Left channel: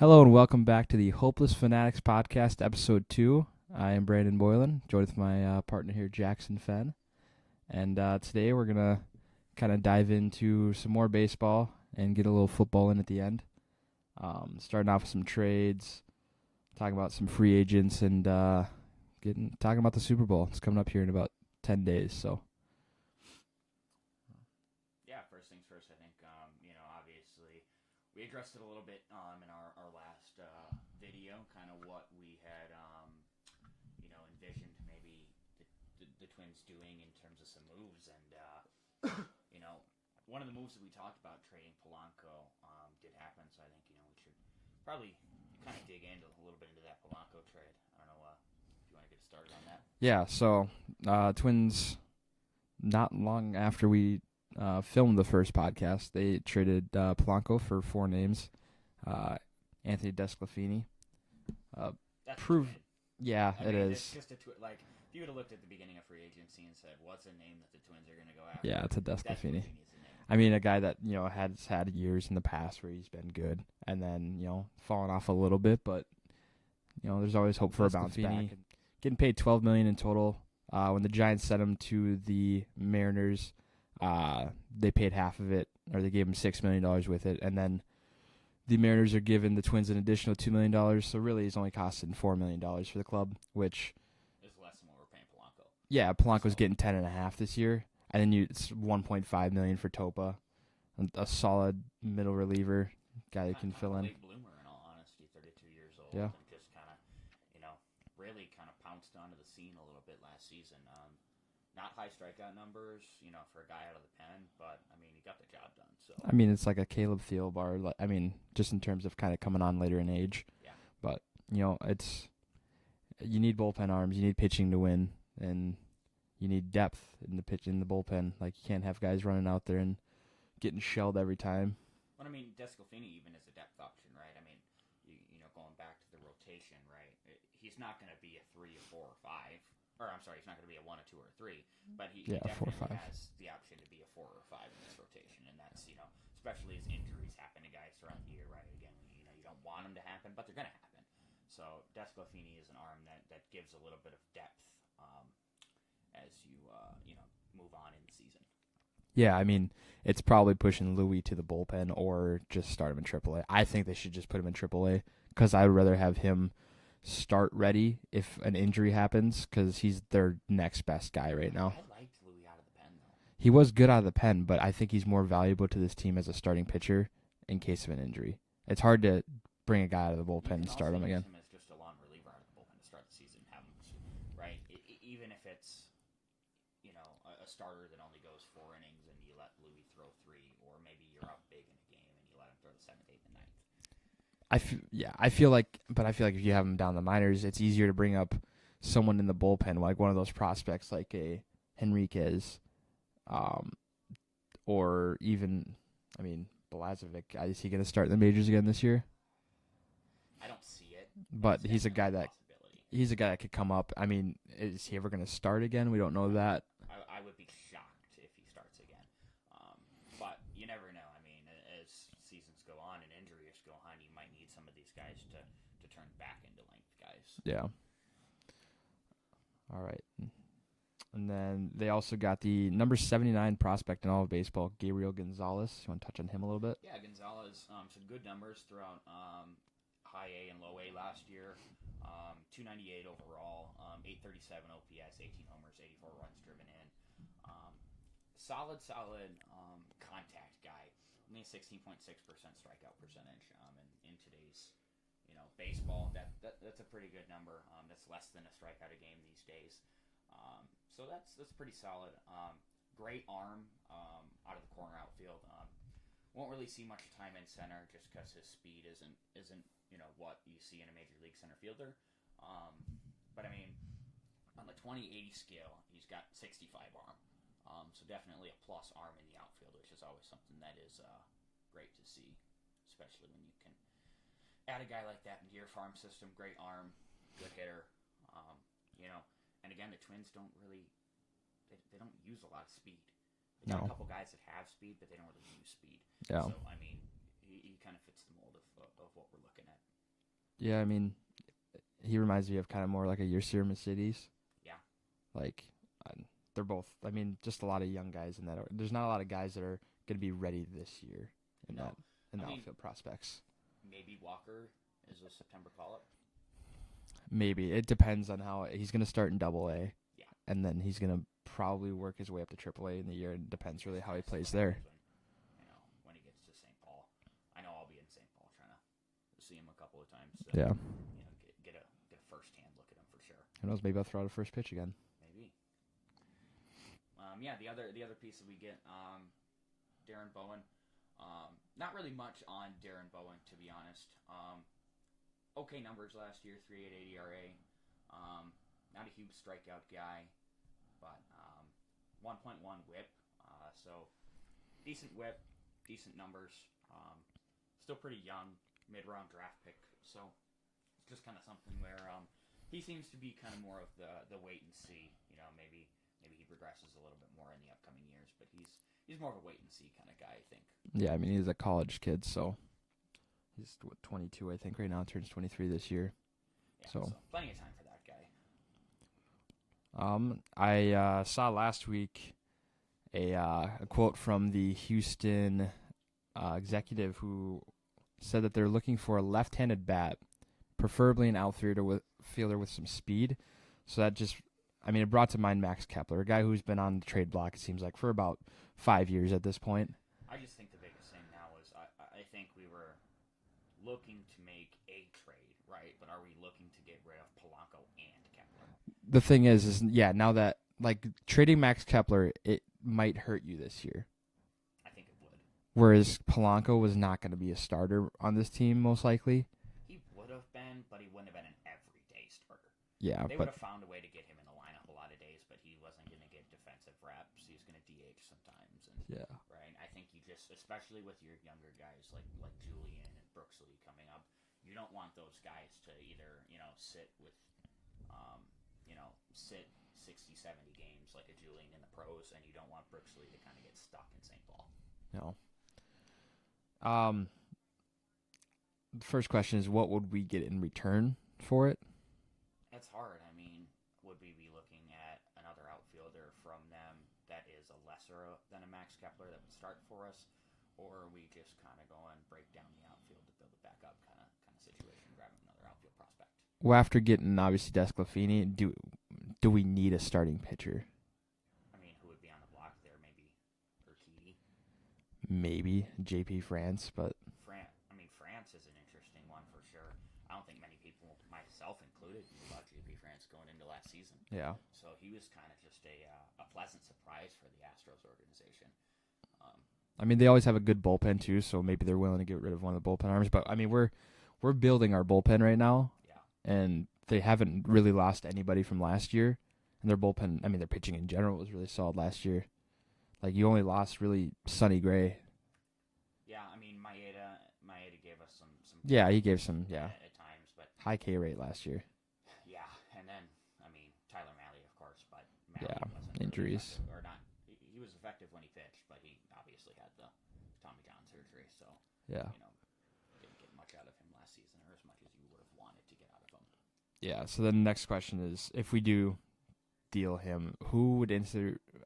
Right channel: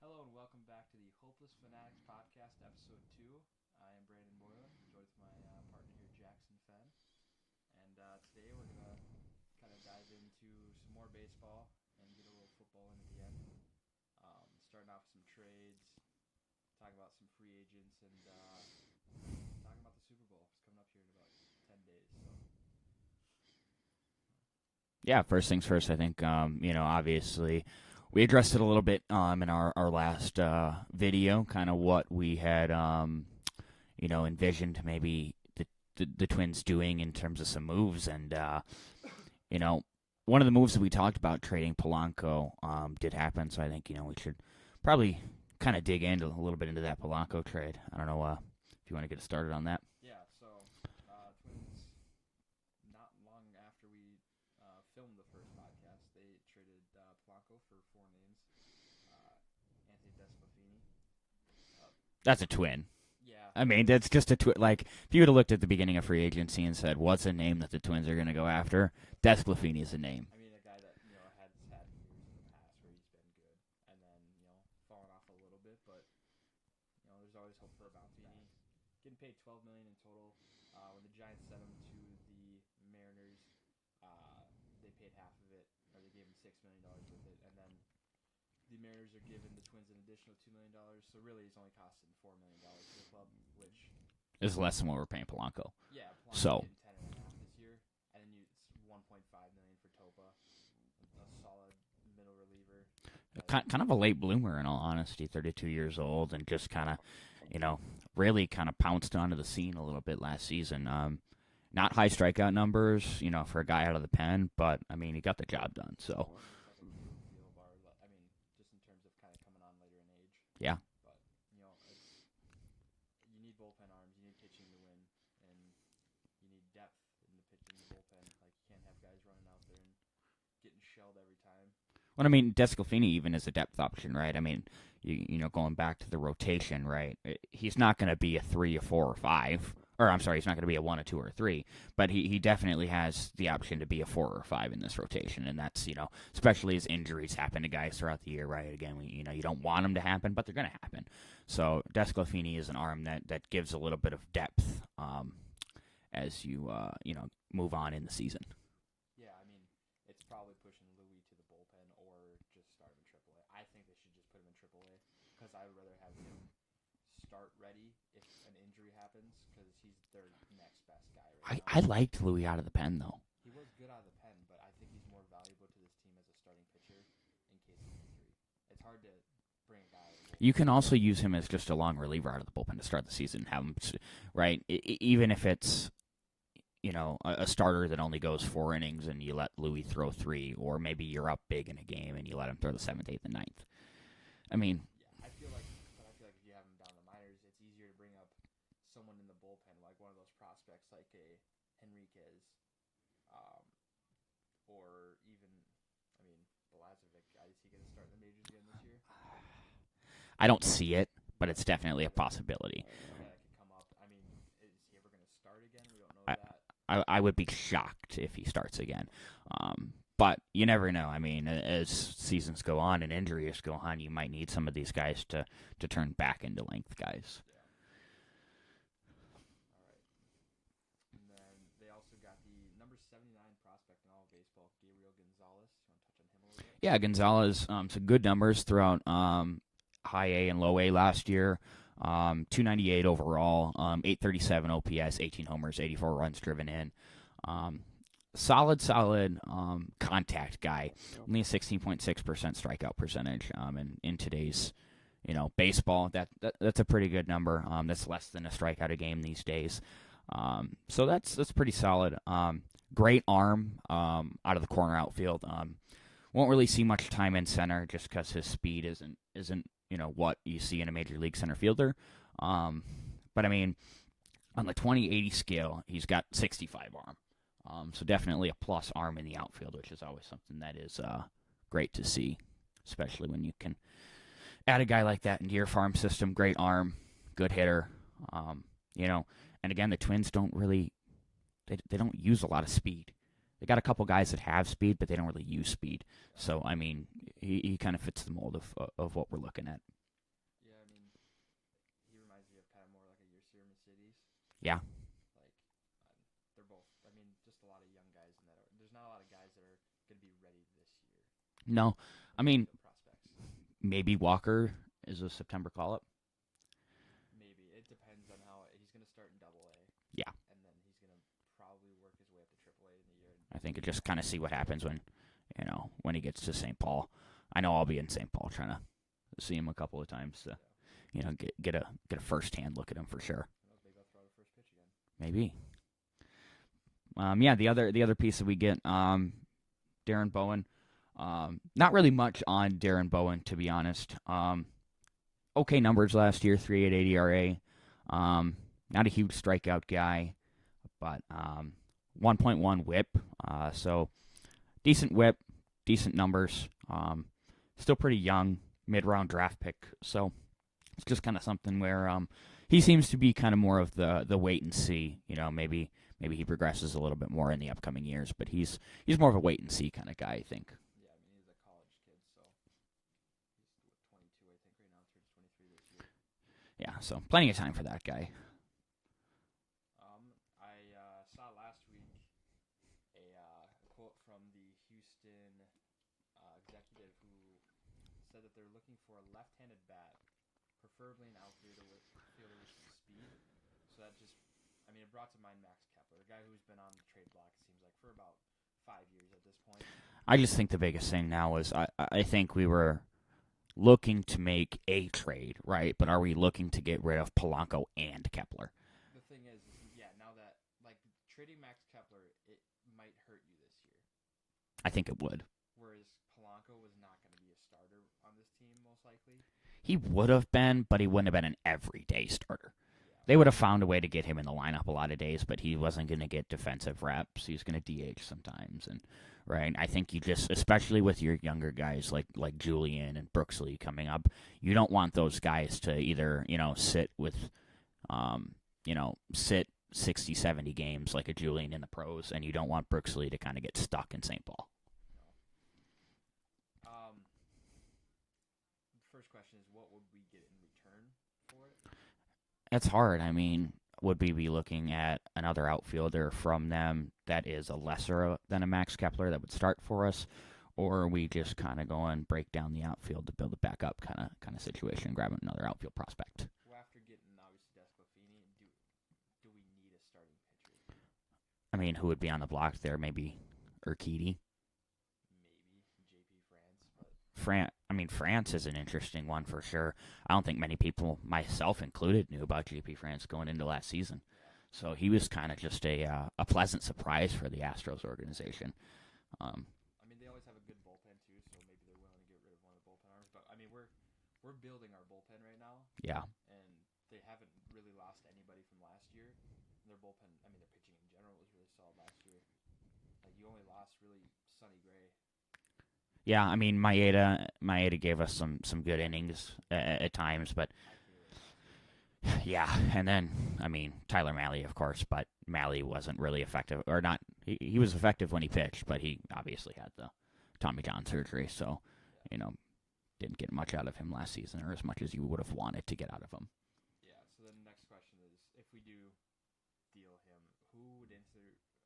Hello and welcome back to the Hopeless Fanatics podcast, episode 2. I am Brandon Boylan, joined with my partner here, Jackson Fenn. And today we're going to kind of dive into some more baseball and get a little football in at the end. Starting off with some trades, talking about some free agents, and talking about the Super Bowl. It's coming up here in about 10 days, so. Yeah, first things first, I think, obviously we addressed it a little bit in our last video, kind of what we had, envisioned maybe the Twins doing in terms of some moves. And, one of the moves that we talked about, trading Polanco, did happen. So I think, we should probably kind of dig into a little bit into that Polanco trade. I don't know if you want to get started on that. Yeah, so Twins, not long after we filmed the first podcast, they traded Polanco for 4 names. Anthony Desclafini. That's a twin. Yeah. I mean, that's just a twin. Like, if you would have looked at the beginning of free agency and said, what's a name that the Twins are going to go after? Yeah, Desclafini is a name. I mean, a guy that, has had years in the past where he's been good and then, fallen off a little bit, but, there's always hope for a bounce back. Getting paid $12 million in total. When the Giants sent him to the Mariners, they paid half of it, or they gave him $6 million with it, and then the Mariners are giving the Twins an additional $2 million, so really he's only costing $4 million for the club, which is less than what we're paying Polanco. Yeah, Polanco's getting 10.5 this year, and then it's $1.5 million for Topa, a solid middle reliever. Guy kind of a late bloomer, in all honesty, 32 years old, and just kind of, really kind of pounced onto the scene a little bit last season. Not high strikeout numbers, for a guy out of the pen, but, I mean, he got the job done. So I mean, it's like a Caleb Thielbar. I mean, just in terms of kind of coming on later in age. Yeah. But, you need bullpen arms, you need pitching to win, and you need depth in the bullpen. Like, you can't have guys running out there and getting shelled every time. Well, I mean, Desclafini even is a depth option, right? I mean, going back to the rotation, right? He's not going to be a 3 or 4 or 5. Or, I'm sorry, he's not going to be a 1 or 2 or 3, but he definitely has the option to be a 4 or 5 in this rotation, and that's, especially as injuries happen to guys throughout the year, right? Again, you don't want them to happen, but they're going to happen. So Desclafini is an arm that gives a little bit of depth as you move on in the season. Yeah, I mean, it's probably pushing Louis to the bullpen or just start him in AAA. I think they should just put him in AAA because I would rather have him start ready if an injury happens because he's their next best guy right now. I liked Louis out of the pen, though. He was good out of the pen, but I think he's more valuable to this team as a starting pitcher in case of an injury. It's hard to bring a guy out of the bullpen. You can also use him as just a long reliever out of the bullpen to start the season. Have him, right? Even if it's, a starter that only goes 4 innings and you let Louis throw 3, or maybe you're up big in a game and you let him throw the 7th, 8th, and 9th. I feel like if you have him down the minors, it's easier to bring up someone in the bullpen, like one of those prospects like a Henriquez, or even, Balazovic. Is he going to start in the majors again this year? I don't see it, but it's definitely a possibility. He's a guy that could come up. I mean, is he ever going to start again? We don't know that. I would be shocked if he starts again. But you never know. I mean, as seasons go on and injuries go on, you might need some of these guys to turn back into length guys. Yeah. All right. And then they also got the number 79 prospect in all of baseball, Gabriel Gonzalez. You want to touch on him a little bit? Yeah, Gonzalez, some good numbers throughout high A and low A last year. 298 overall, 837 OPS, 18 homers, 84 runs driven in. Solid contact guy. Only a 16.6% strikeout percentage. And in today's, baseball, that's a pretty good number. That's less than a strikeout a game these days. So that's pretty solid. Great arm out of the corner outfield. Won't really see much time in center just because his speed isn't what you see in a major league center fielder. But I mean, on the 20-80 scale, he's got 65 arm. So definitely a plus arm in the outfield, which is always something that is great to see, especially when you can add a guy like that into your farm system. Great arm, good hitter, And again, the Twins don't really they don't use a lot of speed. They got a couple guys that have speed, but they don't really use speed. Yeah. So I mean, he kind of fits the mold of what we're looking at. Yeah, I mean, he reminds me of kind of more like a Yasir Mercedes. Yeah. Like, they're both, I mean, just a lot of young guys in that. There's not a lot of guys that are going to be ready this year. No. I mean, prospects. Maybe Walker is a September call-up. Maybe. It depends on how he's going to start in Double-A. Yeah. And then he's going to probably work his way up to Triple-A in the year. I think it just kind of see what happens when he gets to St. Paul. I know I'll be in St. Paul trying to see him a couple of times. So, yeah. Get a first-hand look at him for sure. Who knows? Maybe I'll throw out a first pitch again. Maybe. The other piece that we get, Darren Bowen. Not really much on Darren Bowen, to be honest. Okay numbers last year, 3.88 ERA. Not a huge strikeout guy, but 1.1 WHIP. So decent WHIP, decent numbers. Still pretty young, mid-round draft pick. So it's just kind of something where he seems to be kind of more of the wait and see. Maybe he progresses a little bit more in the upcoming years, but he's more of a wait and see kind of guy, I think. Yeah, I mean, he's a college kid, so he's 22, I think, right now. Turns 23 this year. Yeah, so plenty of time for that guy. I saw last week a quote from the Houston executive who said that they're looking for a left-handed bat, preferably an outfielder with some speed. So that just, I mean, it brought to mind Max Kepler, a guy who's been on the trade block, it seems like, for about 5 years at this point. I just think the biggest thing now is I think we were looking to make a trade, right? But are we looking to get rid of Polanco and Kepler? The thing is now that, like, trading Max Kepler, it might hurt you this year. I think it would. Whereas Polanco was not going to be a starter on this team, most likely. He would have been, but he wouldn't have been an everyday starter. Yeah, they would have found a way to get him in the lineup a lot of days, but he wasn't going to get defensive reps. He was going to DH sometimes, and right. I think you just, especially with your younger guys like Julian and Brooksley coming up, you don't want those guys to either sit with, sit 60, 70 games like a Julian in the pros, and you don't want Brooksley to kind of get stuck in St. Paul. No. The first question is, what would we get in return for it? It's hard. I mean, would we be looking at another outfielder from them that is a lesser than a Max Kepler that would start for us, or are we just kind of going break down the outfield to build it back up kind of situation, grabbing another outfield prospect? Well, after getting obviously Desclafini, do we need a starting pitcher? I mean, who would be on the block there? Maybe Urquidy. Maybe JP France, but France is an interesting one for sure. I don't think many people, myself included, knew about JP France going into last season. Yeah. So he was kind of just a pleasant surprise for the Astros organization. I mean, they always have a good bullpen too, so maybe they're willing to get rid of one of the bullpen arms. But I mean, we're building our bullpen right now. Yeah. And they haven't really lost anybody from last year, and their bullpen, I mean, their pitching in general was really solid last year. Like, you only lost really Sonny Gray. Yeah, I mean, Maeda gave us some good innings, he gave some at times, but high K rate last year. Yeah, and then, I mean, Tyler Mahle, of course, but Mahle wasn't really effective, or not. He was effective when he pitched, but he obviously had the Tommy John surgery, so, didn't get much out of him last season, or as much as you would have wanted to get out of him. Yeah, so then the next question is, if we do deal him, who would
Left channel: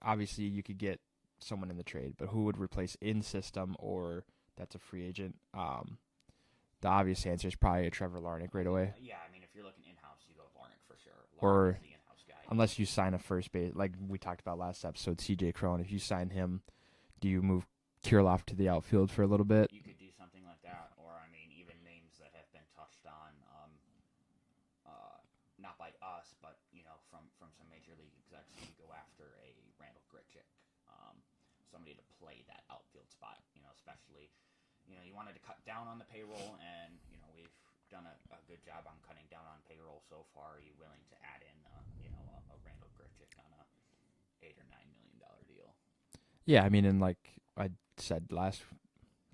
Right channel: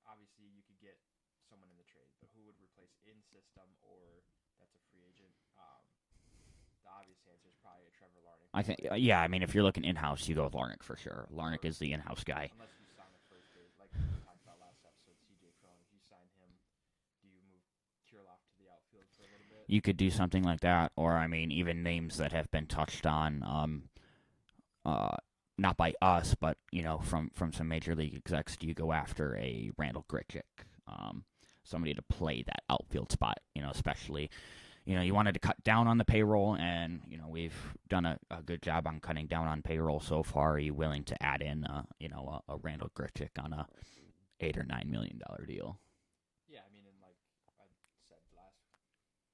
obviously you could get someone in the trade, but who would replace in system, or that's a free agent? The obvious answer is probably a Trevor Larnach right away. Yeah, I mean, if you're looking in-house, you go with Larnach for sure. Larnach is the in-house guy. Unless you sign a first base, like we talked about last episode, C.J. Cron. If you sign him, do you move Kirilloff to the outfield for a little bit? You could do something like that, or, I mean, even names that have been touched on, not by us, but, from some major league execs, do you go after a Randall Grichuk? Somebody to play that outfield spot, especially, you wanted to cut down on the payroll, and, we've done a good job on cutting down on payroll so far. Are you willing to add in, a Randall Grichuk on a $8 or $9 million deal? Yeah, I mean, and like I said last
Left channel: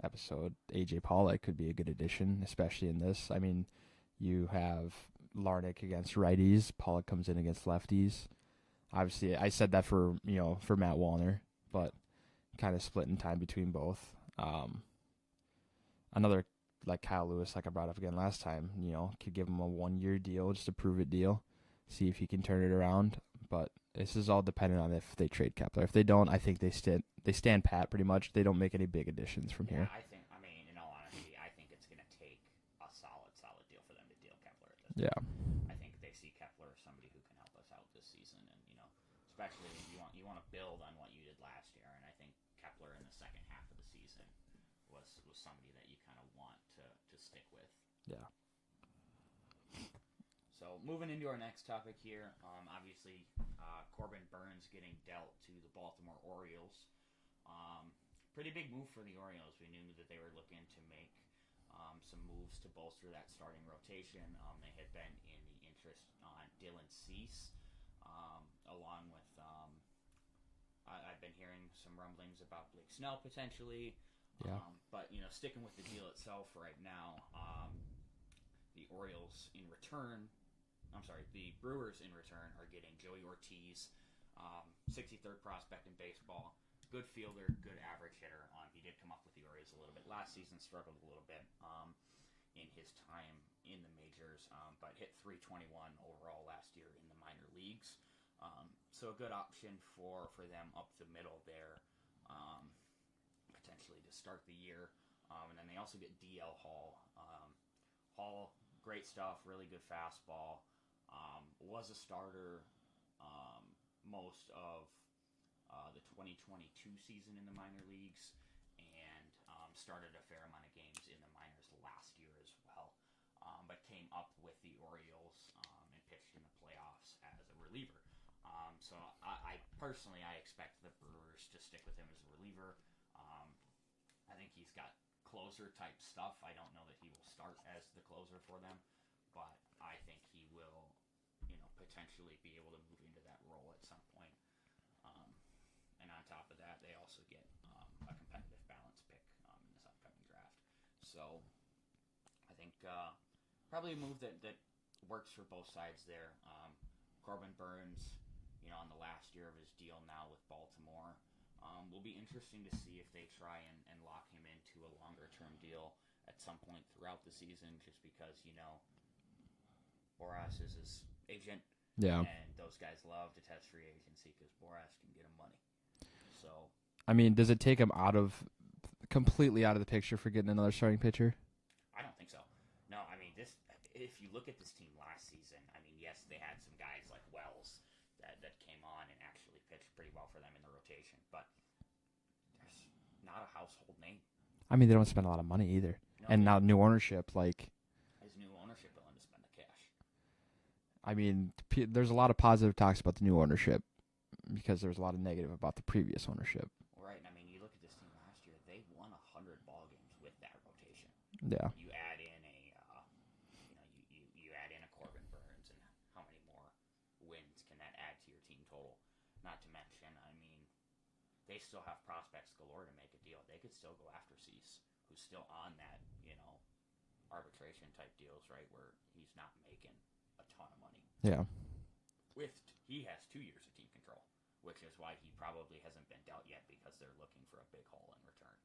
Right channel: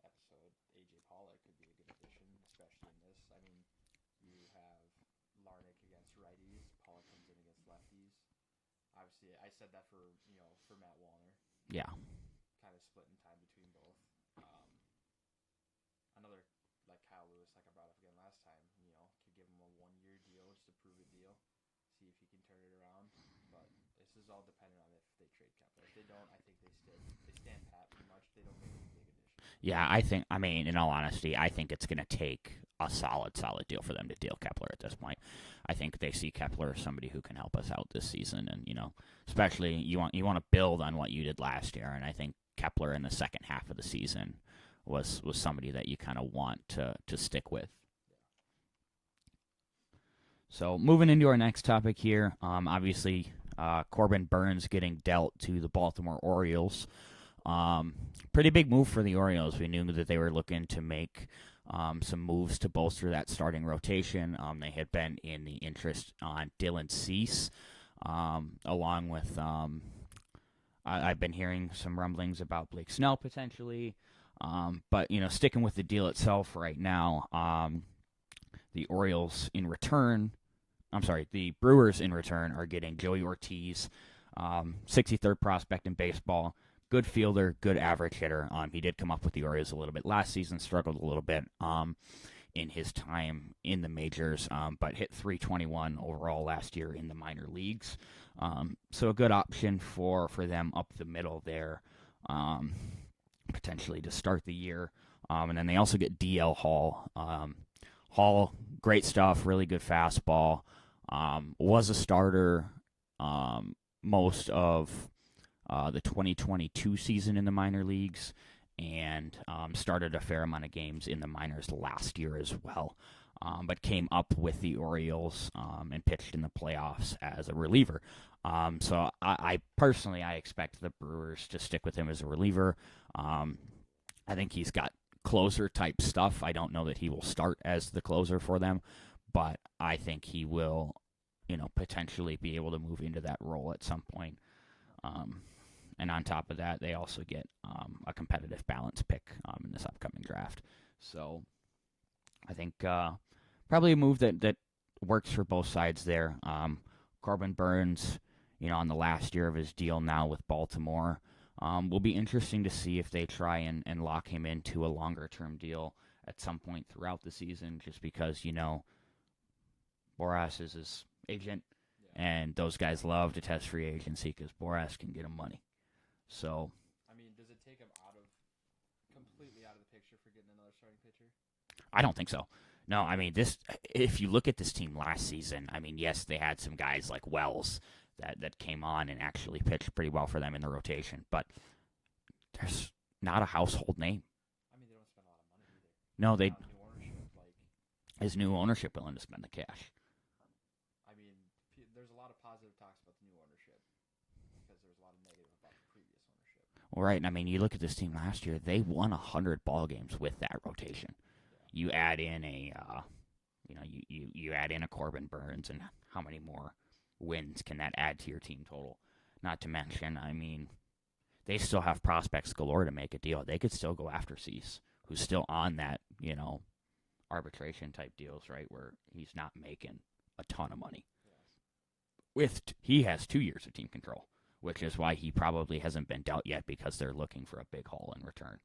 episode, AJ Pollock could be a good addition, especially in this. I mean, you have Larnach against righties, Pollock comes in against lefties. Obviously, I said that for Matt Wallner, but kind of split in time between both. another like Kyle Lewis, like I brought up again last time, could give him a 1-year deal, just a prove it deal, see if he can turn it around. But this is all dependent on if they trade Kepler. If they don't, I think they stand pat pretty much. They don't make any big additions from there. I mean, in all honesty, I think it's going to take a solid deal for them to deal Kepler at this point. I think they see Kepler as somebody who can help us out this season, and especially you want to build on what you did last year, and I think Kepler in the second half of the season was somebody that you kind of want to stick with. Yeah. So moving into our next topic here, obviously Corbin Burns getting dealt to the Baltimore Orioles. Pretty big move for the Orioles. We knew that they were looking to make some moves to bolster that starting rotation. They had been in the interest on Dylan Cease, along with I've been hearing some rumblings about Blake Snell potentially. But sticking with the deal itself right now, the Brewers in return are getting Joey Ortiz, 63rd prospect in baseball. Good fielder, good average hitter. He did come up with the Orioles a little bit last season, struggled a little bit in his time in the majors, but hit .321 overall last year in the minor leagues. So a good option for them up the middle there, potentially to start the year. And then they also get DL Hall. Hall, great stuff, really good fastball. Was a starter most of the 2022 season in the minor leagues, and started a fair amount of games in the minors last year as well, but came up with the Orioles and pitched in the playoffs as a reliever. So I personally expect the Brewers to stick with him as a reliever. I think he's got closer-type stuff. I don't know that he will start as the closer for them, but I think he will, potentially be able to move into that role at some point. And on top of that, they also get a competitive balance pick in this upcoming draft. So I think probably a move that works for both sides there. Corbin Burns, on the last year of his deal now with Baltimore, will be interesting to see if they try and lock him into a longer-term deal at some point throughout the season, just because, Boras is his agent. Yeah. And those guys love to test free agency because Boras can get him money. So, I mean, does it take him completely out of the picture for getting another starting pitcher? I don't think so. No, I mean, if you look at this team last season, I mean, yes, they had some guys like Wells that came on and actually pitched pretty well for them in the rotation, but there's not a household name. I mean, they don't spend a lot of money either. No, and now new ownership, is new ownership willing to spend the cash? I mean, there's a lot of positive talks about the new ownership because there's a lot of negative about the previous ownership. Well, right. I mean, you look at this team last year; they won 100 ball games with that rotation. Yeah. You add in you add in a Corbin Burns, and how many more wins can that add to your team total? Not to mention, I mean, they still have prospects galore to make a deal. They could still go after Cease, who's still on that, arbitration type deals, right, where he's not making a ton of money. Yeah. He has 2 years of team control, which is why he probably hasn't been dealt yet, because they're looking for a big haul in return.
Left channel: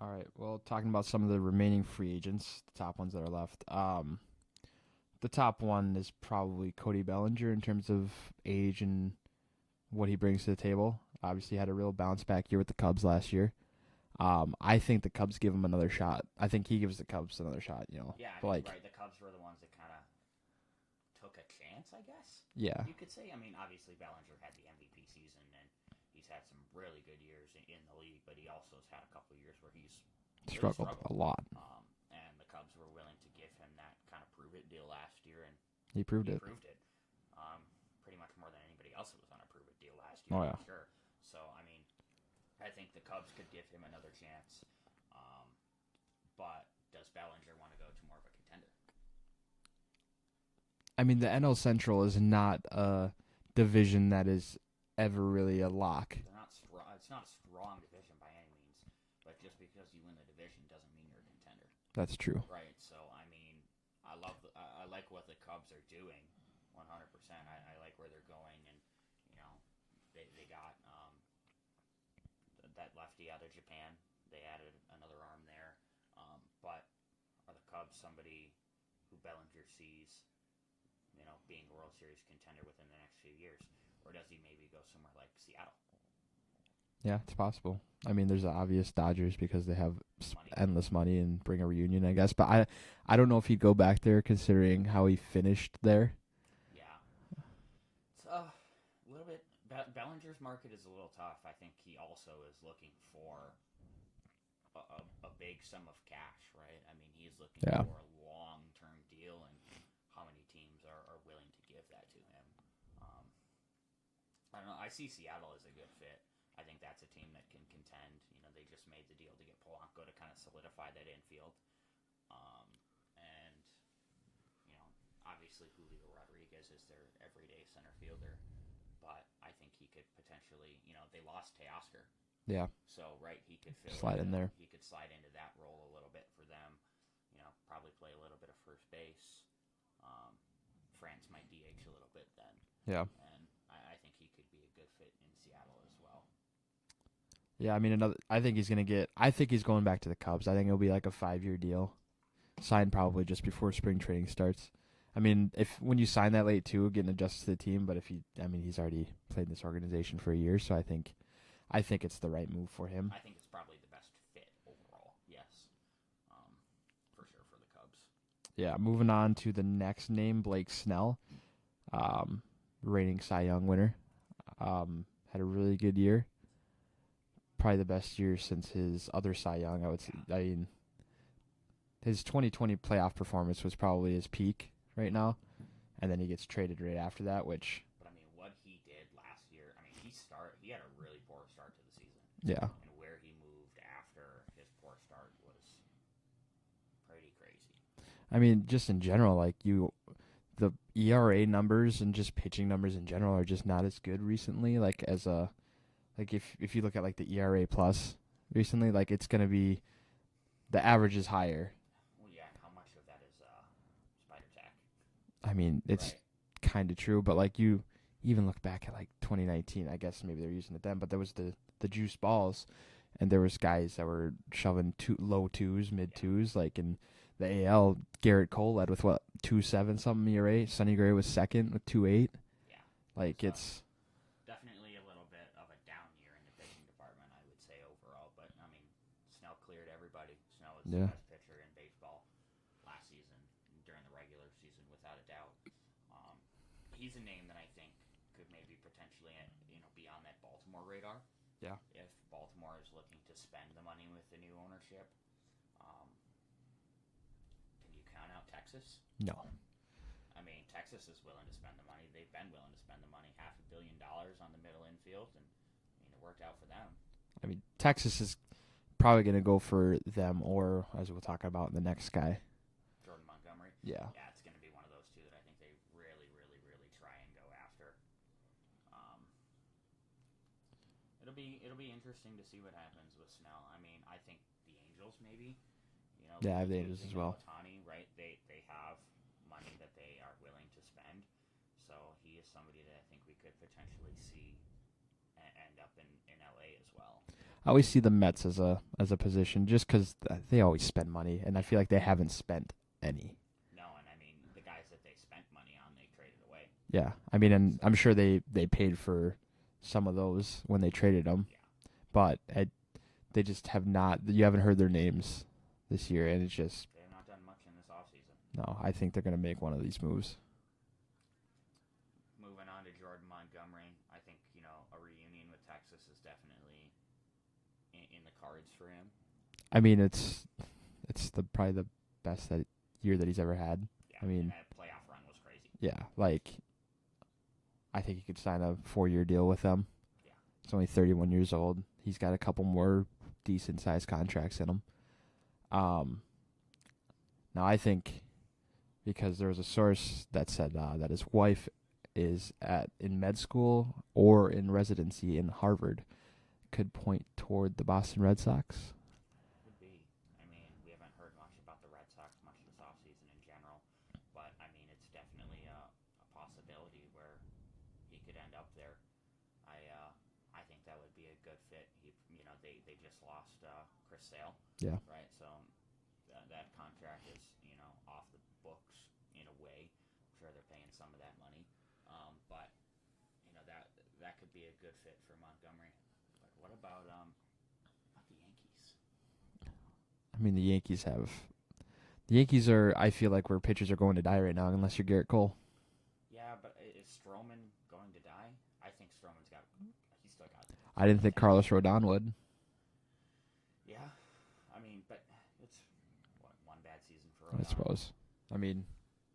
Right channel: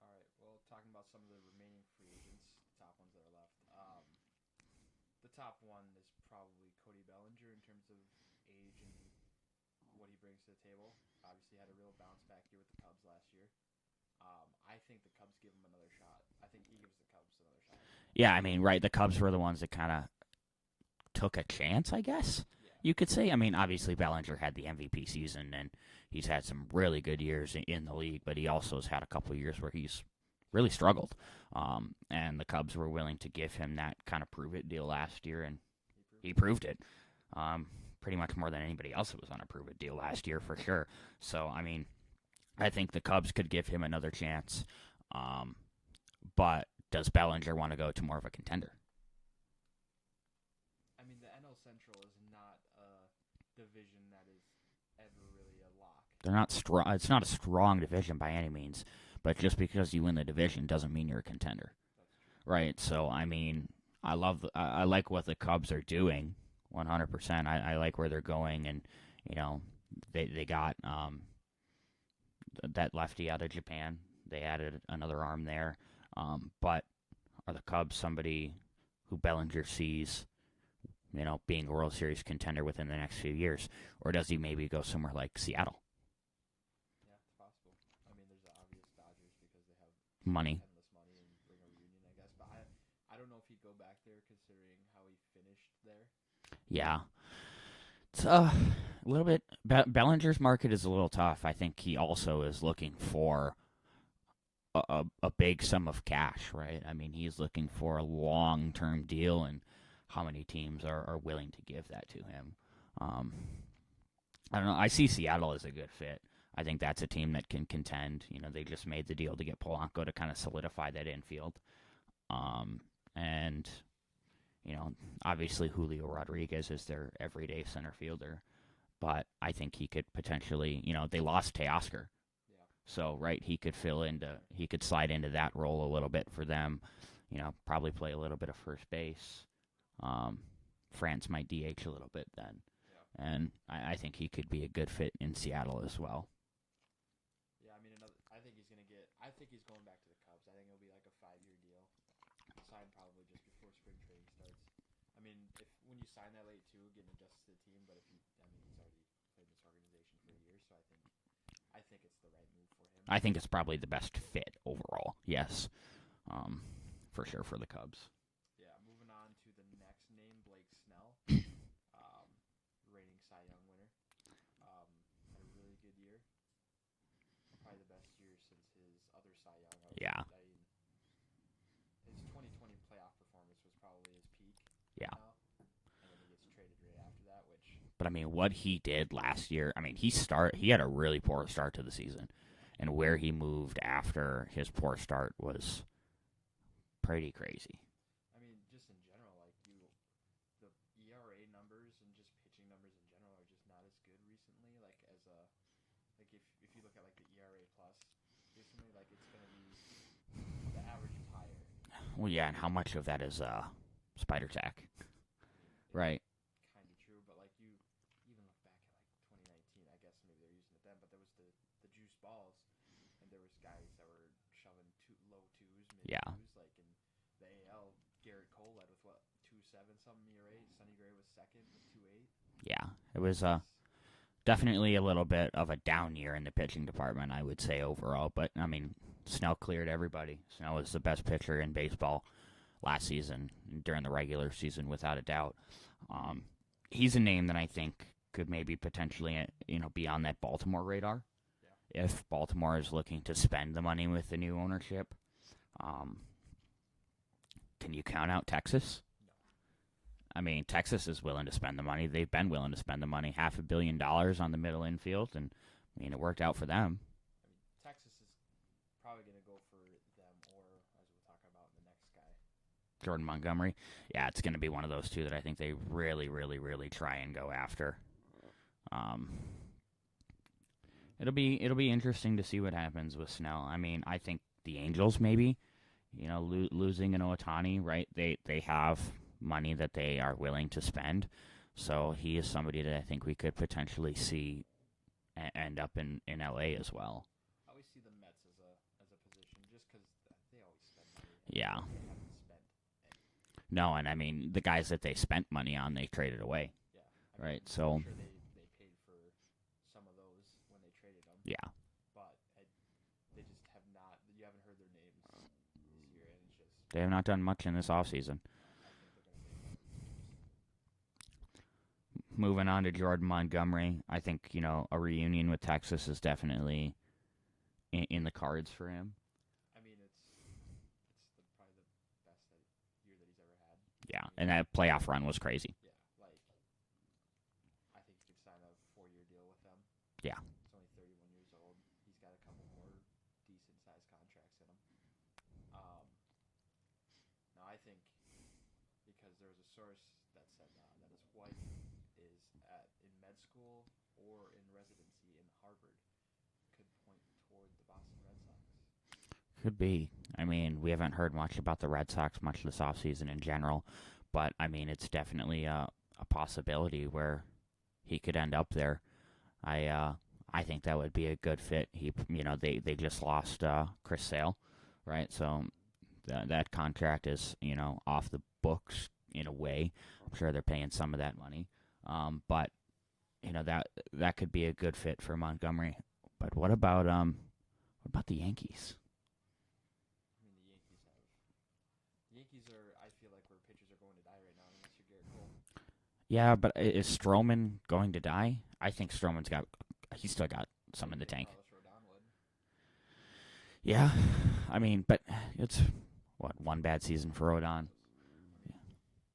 All right. Well, talking about some of the remaining free agents, the top ones that are left. The top one is probably Cody Bellinger in terms of age and what he brings to the table. Obviously had a real bounce back year with the Cubs last year. I think the Cubs give him another shot. I think he gives the Cubs another shot, Yeah, I mean, right, the Cubs were the ones that kind of took a chance, I guess. Yeah. You could say. I mean, obviously Bellinger had the MVP season, and he's had some really good years in the league, but he also has had a couple of years where he's really struggled a lot. And the Cubs were willing to give him that kind of prove-it deal last year, and he proved it. Pretty much more than anybody else that was on a prove-it deal last year, for sure. So, I mean, I think the Cubs could give him another chance. But does Bellinger want to go to more of a contender? I mean, the NL Central is not a division that is ever really a lock. They're not strong. It's not a strong division by any means, but just because you win the division doesn't mean you're a contender. That's true. Right. So, I mean, I like what the Cubs are doing 100%. I like where they're going, and, they got that lefty out of Japan They added another arm there. But are the Cubs somebody who Bellinger sees, being a World Series contender within the next few years? Or does he maybe go somewhere like Seattle? Yeah, it's possible. I mean, there's the obvious Dodgers because they have endless money and bring a reunion, I guess. But I don't know if he'd go back there considering how he finished there. Yeah. It's a little bit. Bellinger's market is a little tough. I think he also is looking for a big sum of cash, right? I mean, he's looking for a long-term deal, and how many teams are willing to give that to him? I don't know. I see Seattle as a good fit. I think that's a team that can contend. They just made the deal to get Polanco to kind of solidify that infield. And, obviously Julio Rodriguez is their everyday center fielder. But I think he could potentially, they lost Teoscar. Yeah. So, right, he could he could slide into that role a little bit for them. Probably play a little bit of first base. France might DH a little bit then. Yeah. And I think he could be a good fit in Seattle as well. Yeah, I mean, I think he's going back to the Cubs. I think it'll be like a 5-year deal, signed probably just before spring training starts. I mean, when you sign that late too, getting adjusted to the team. But he's already played in this organization for a year, so I think it's the right move for him. I think it's probably the best fit overall. Yes, for sure for the Cubs. Yeah, moving on to the next name, Blake Snell, reigning Cy Young winner, had a really good year. Probably the best year since his other Cy Young, I would say. I mean, his 2020 playoff performance was probably his peak now, and then he gets traded right after that, But, I mean, what he did last year, I mean, he had a really poor start to the season. Yeah. And where he moved after his poor start was pretty crazy. I mean, just in general, the ERA numbers and just pitching numbers in general are just not as good recently, if you look at the ERA plus recently, it's going to be the average is higher. Well, yeah, and how much of that is spider tack? I mean, it's kind of true, but you even look back at 2019, I guess maybe they're using it then, but there was the juice balls, and there was guys that were shoving low twos, mid twos, in the AL. Garrett Cole led with 2.7 something ERA. Sonny Gray was second with 2.8. Yeah, it was definitely a little bit of a down year in the pitching department, I would say, overall. But, I mean, Snell cleared everybody. Snell was the best pitcher in baseball last season, during the regular season, without a doubt. He's a name that I think could maybe potentially, be on that Baltimore radar. Yeah. If Baltimore is looking to spend the money with the new ownership. Can you count out Texas? No. I mean, Texas is willing to spend the money. They've been willing to spend the money, $500 million on the middle infield, and I mean, it worked out for them. I mean, Texas is probably going to go for them, or as we'll talk about, the next guy, Jordan Montgomery. Yeah, it's going to be one of those two that I think they really, really, really try and go after. It'll be interesting to see what happens with Snell. I mean, I think the Angels maybe, losing an Ohtani, right? They have money that they are willing to spend. So he is somebody that I think we could potentially see end up in LA as well. I always see the Mets as a position just because they always spend money, and I feel like they haven't spent any. No, and I mean, the guys that they spent money on, they traded away. Yeah, I mean, and so, I'm sure they paid for some of those when they traded them. Yeah. But they just have not. You haven't heard their names this year, and it's just... They have not done much in this offseason. No, I think they're going to make one of these moves. Moving on to Jordan Montgomery, I think, a reunion with Texas is definitely in the cards for him. I mean, it's probably the best year that he's ever had. Yeah, I mean, and that playoff run was crazy. Yeah, I think he could sign a 4-year deal with them. Yeah. He's only 31 years old. He's got a couple more decent-sized contracts in him. Now, I think because there was a source that said that his wife is in med school or in residency in Harvard, could point toward the Boston Red Sox. Could be. I mean, we haven't heard much about the Red Sox much this offseason in general, but, I mean, it's definitely a possibility where he could end up there. I I think that would be a good fit. They just lost Chris Sale. Yeah. Right. So that contract is off the books in a way. I'm sure they're paying some of that money. But that could be a good fit for Montgomery. But what about the Yankees? I mean, the Yankees are, I feel like, where pitchers are going to die right now, unless you're Garrett Cole. Yeah, but is Stroman going to die? I think he's still got. I didn't think Carlos Rodon would. Yeah, I mean, but it's one bad season for Rodon. I suppose. I mean,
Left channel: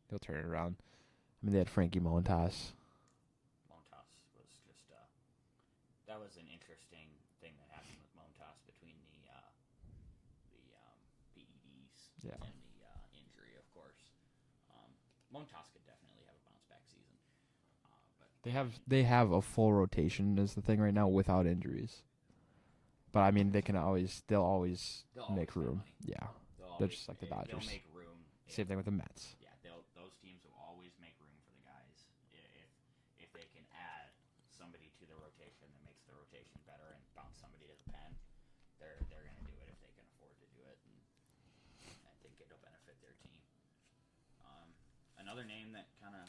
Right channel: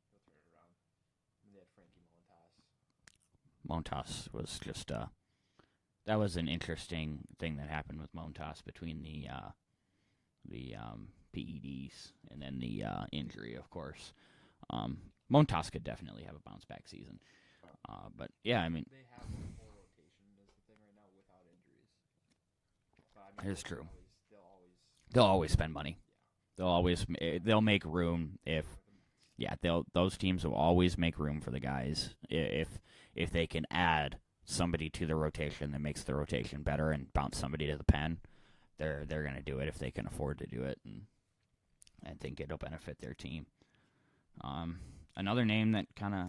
he'll turn it around. I mean, they had Frankie Montas. Montas was just that was an interesting thing that happened with Montas between the PEDs and then the injury, of course. Montas could definitely have a bounce back season. But yeah, they have a full rotation is the thing right now without injuries. But I mean, they'll always spend money. Yeah, they'll make room. Same thing with the Mets. Yeah, those teams will always make room for the guys if they can add somebody to the rotation that makes the rotation better and bounce somebody to the pen. They're going to do it if they can afford to do it, and I think it'll benefit their team. Another name that kind of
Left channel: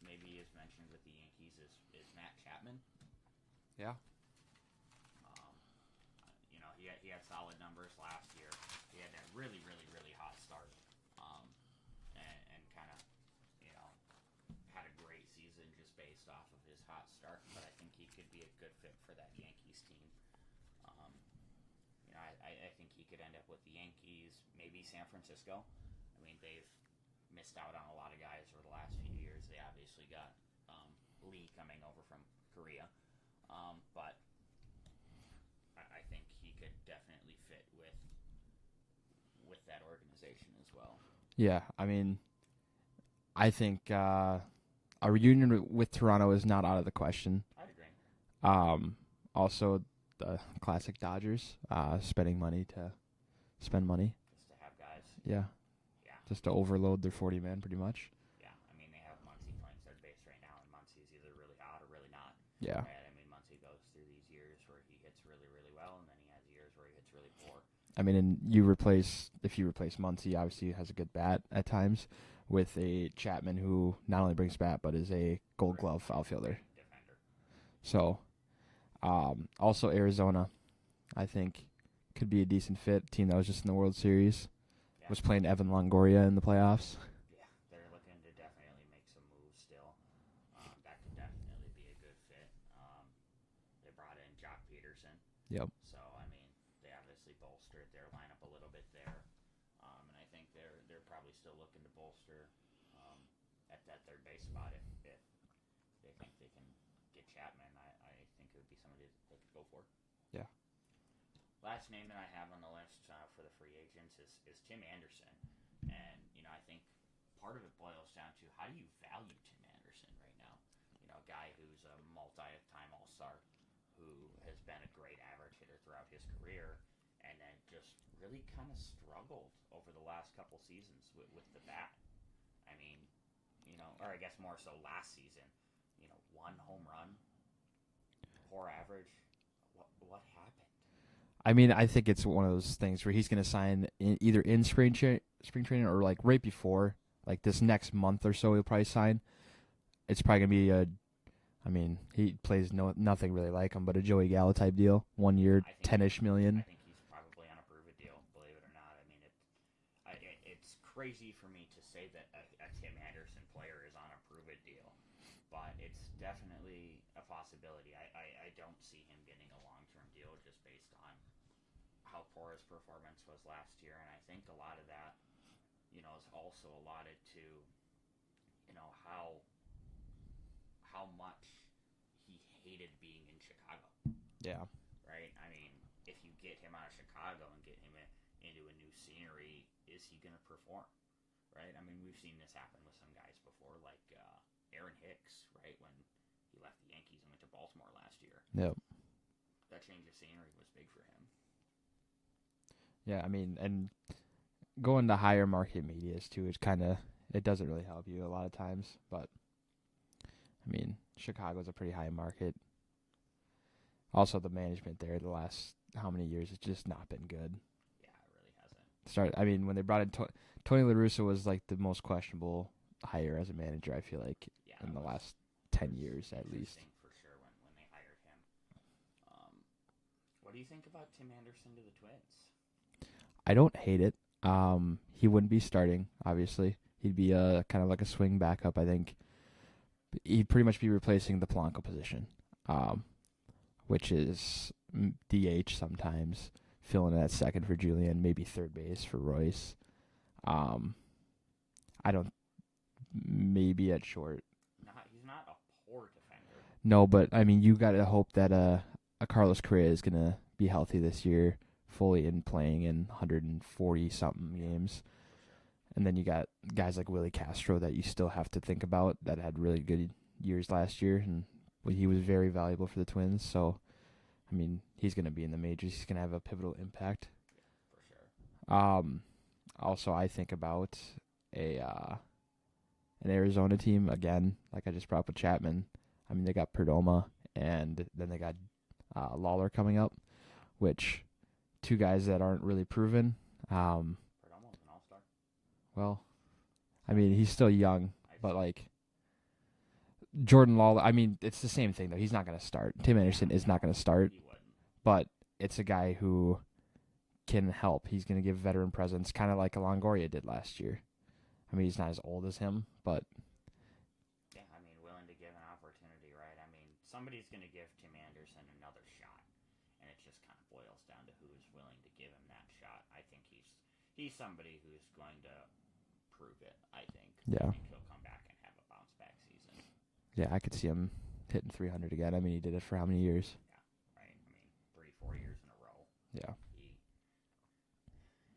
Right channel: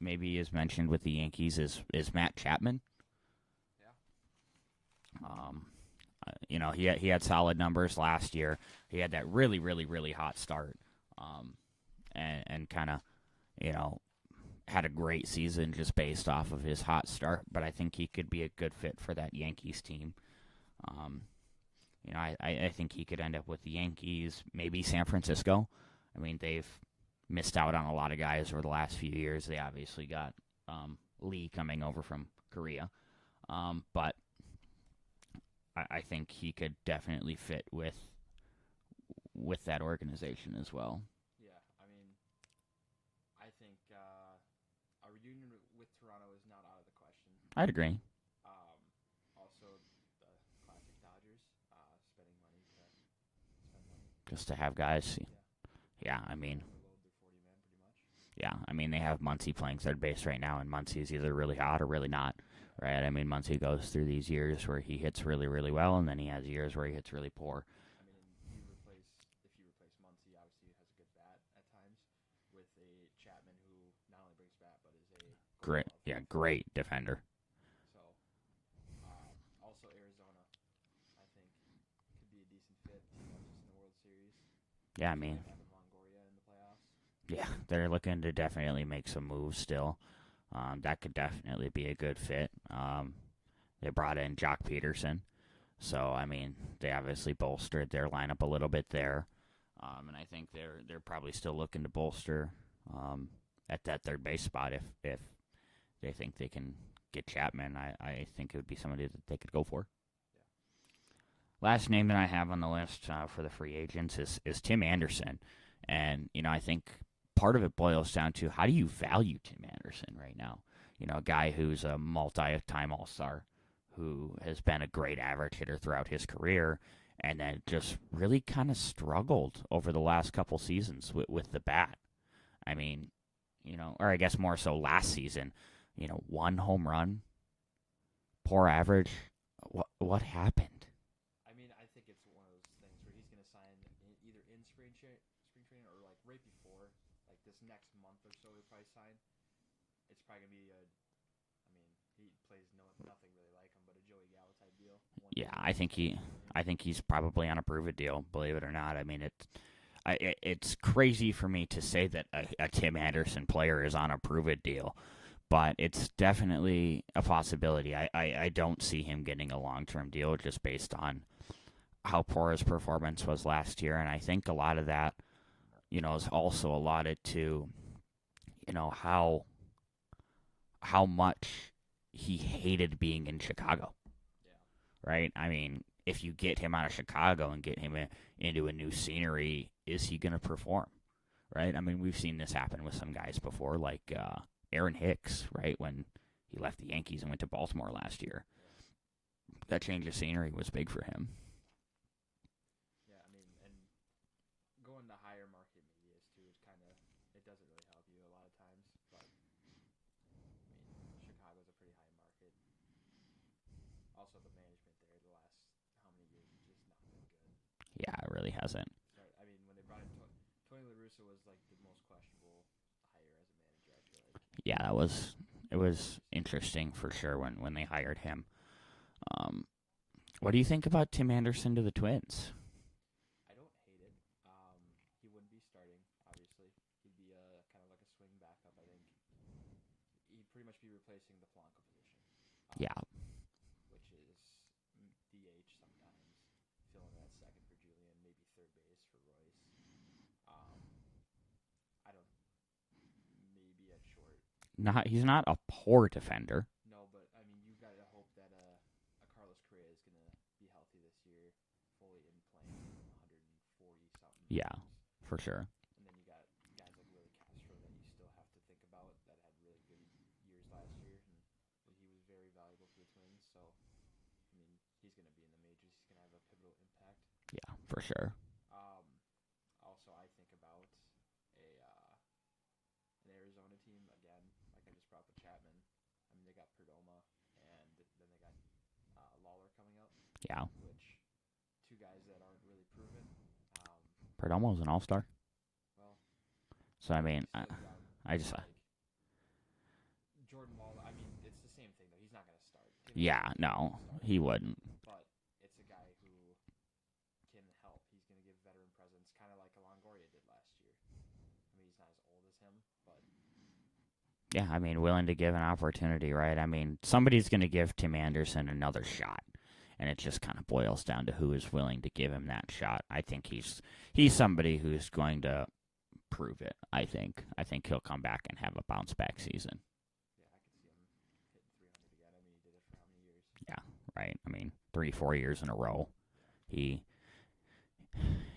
maybe is mentioned with the Yankees is Matt Chapman. Yeah. He had solid numbers last year. He had that really, really, really hot start, and kind of, had a great season just based off of his hot start. But I think he could be a good fit for that Yankees team. I think he could end up with the Yankees, maybe San Francisco. I mean, they've missed out on a lot of guys over the last few years. They obviously got Lee coming over from Korea, but I think he could definitely fit with that organization as well. Yeah, I mean, I think a reunion with Toronto is not out of the question. I'd agree. Also, the classic Dodgers spending money to spend money. Just to have guys. Yeah. Yeah, Just to overload their 40 men, pretty much. Yeah, I mean, they have Muncy playing third base right now, and Muncy is either really hot or really not. Yeah. Right? I mean, Muncy goes through these years where he hits really, really well, and then he has years where he hits really poor. I mean, and if you replace Muncy, obviously has a good bat at times, with a Chapman who not only brings bat, but is a gold glove outfielder. Great defender. So, also Arizona, I think, could be a decent fit. Team that was just in the World Series. Yeah, playing Evan Longoria in the playoffs. Yeah, they're looking to definitely make some moves still. That could definitely be a good fit. They brought in Jock Peterson. Yep. So, I mean, they obviously bolstered their lineup a little bit there. And I think they're probably still looking to bolster at that third base spot if they think they can get Chapman. I think it would be somebody that they could go for. Yeah. Last name that I have on the list for the free agents is Tim Anderson. And, I think part of it boils down to how do you value Tim Anderson right now? A guy who's a multi-time All-Star, who has been a great average hitter throughout his career, and then just really kind of struggled over the last couple seasons with the bat. I mean, or I guess more so last season, 1 home run, poor average. What happened? I mean, I think it's one of those things where he's going to sign either in spring training or like right before, like this next month or so. He'll probably sign. It's probably going to be he plays nothing really like him, but a Joey Gallo type deal, 1 year, $10-ish million. I think he's probably on a prove-it deal, believe it or not. I mean, it's crazy for me to say that a Tim Anderson player is on a prove-it deal, but it's definitely a possibility. I don't see him getting a long-term deal just based on how poor his performance was last year, and I think a lot of that, is also allotted to, how much he hated being in Chicago. Yeah. Right? I mean, if you get him out of Chicago and get him into a new scenery, is he going to perform? Right? I mean, we've seen this happen with some guys before, like Aaron Hicks, right, when he left the Yankees and went to Baltimore last year. Yep. That change of scenery was big for him. Yeah, I mean, and going to higher market medias, too, it doesn't really help you a lot of times, but I mean, Chicago's a pretty high market. Also, the management there the last how many years it's just not been good. Yeah, it really hasn't. When they brought in Tony La Russa was like the most questionable hire as a manager. I feel like. Yeah, it was interesting for sure when they hired him. What do you think about Tim Anderson to the Twins? I don't hate it. He wouldn't be starting, obviously. He'd be kind of like a swing backup, I think. He'd pretty much be replacing the Polanco position, which is DH sometimes, filling in at second for Julian, maybe third base for Royce. Maybe at short. He's not a poor defender. No, but I mean, you got to hope that a Carlos Correa is gonna be healthy this year, fully in playing in 140 something games for sure. And then you got guys like Willie Castro that you still have to think about that had really good years last year, and he was very valuable for the Twins. So, I mean, he's gonna be in the majors. He's gonna have a pivotal impact. Yeah, for sure. Also, I think about an Arizona team again, like I just brought up with Chapman. I mean, they got Perdomo, and then they got Lawler coming up. Yeah, which two guys that aren't really proven. Perdomo's an all-star. Well, so I mean he's still young. But like Jordan Lawler, I mean it's the same thing though. He's not going to start. Tim Anderson is not going to start. He wouldn't. But it's a guy who can help. He's going to give veteran presence, kind of like Longoria did last year. I mean, he's not as old as him, but yeah, I mean, willing to give an opportunity, right? I mean, somebody's going to give Tim Anderson another shot, and it just kind of boils down to who is willing to give him that shot. I think he's somebody who's going to prove it. I think he'll come back and have a bounce back season. Yeah, I could see him hitting 300 again. I mean, he did it for how many years? Yeah, right. I mean, 3-4 years in a row.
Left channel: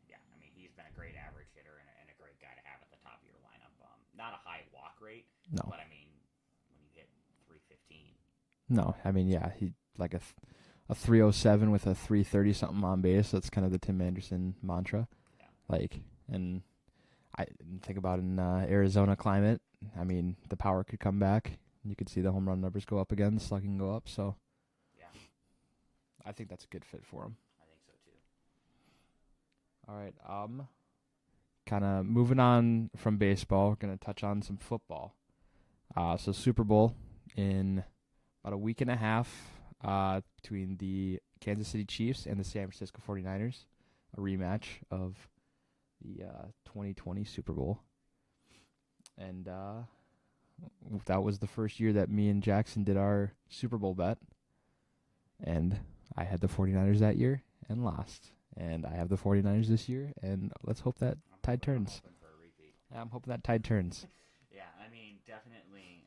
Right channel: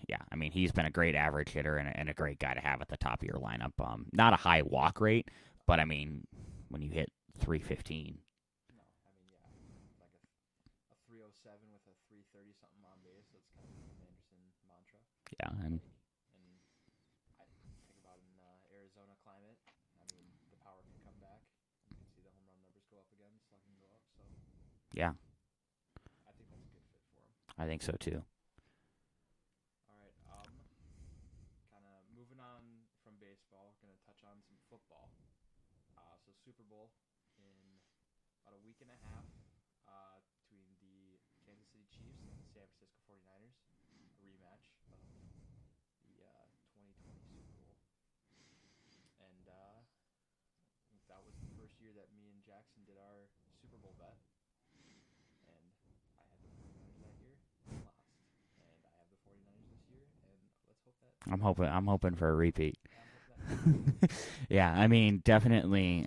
Yeah, I mean, he's been a great average hitter and a great guy to have at the top of your lineup. Not a high walk rate, but I mean, when you hit 315. No, I mean, yeah, he like a 307 with a 330 something on base. That's kind of the Tim Anderson mantra. Yeah, and I think about in Arizona climate. I mean, the power could come back. You could see the home run numbers go up again, the slugging go up. So, yeah, I think that's a good fit for him. I think so too. All right, kind of moving on from baseball, going to touch on some football. So Super Bowl in about a week and a half between the Kansas City Chiefs and the San Francisco 49ers, a rematch of the 2020 Super Bowl. And that was the first year that me and Jackson did our Super Bowl bet. And I had the 49ers that year and lost. And I have the 49ers this year, and let's hope that I'm hoping for a repeat. Yeah, I'm hoping that tide turns. Yeah, I mean, definitely,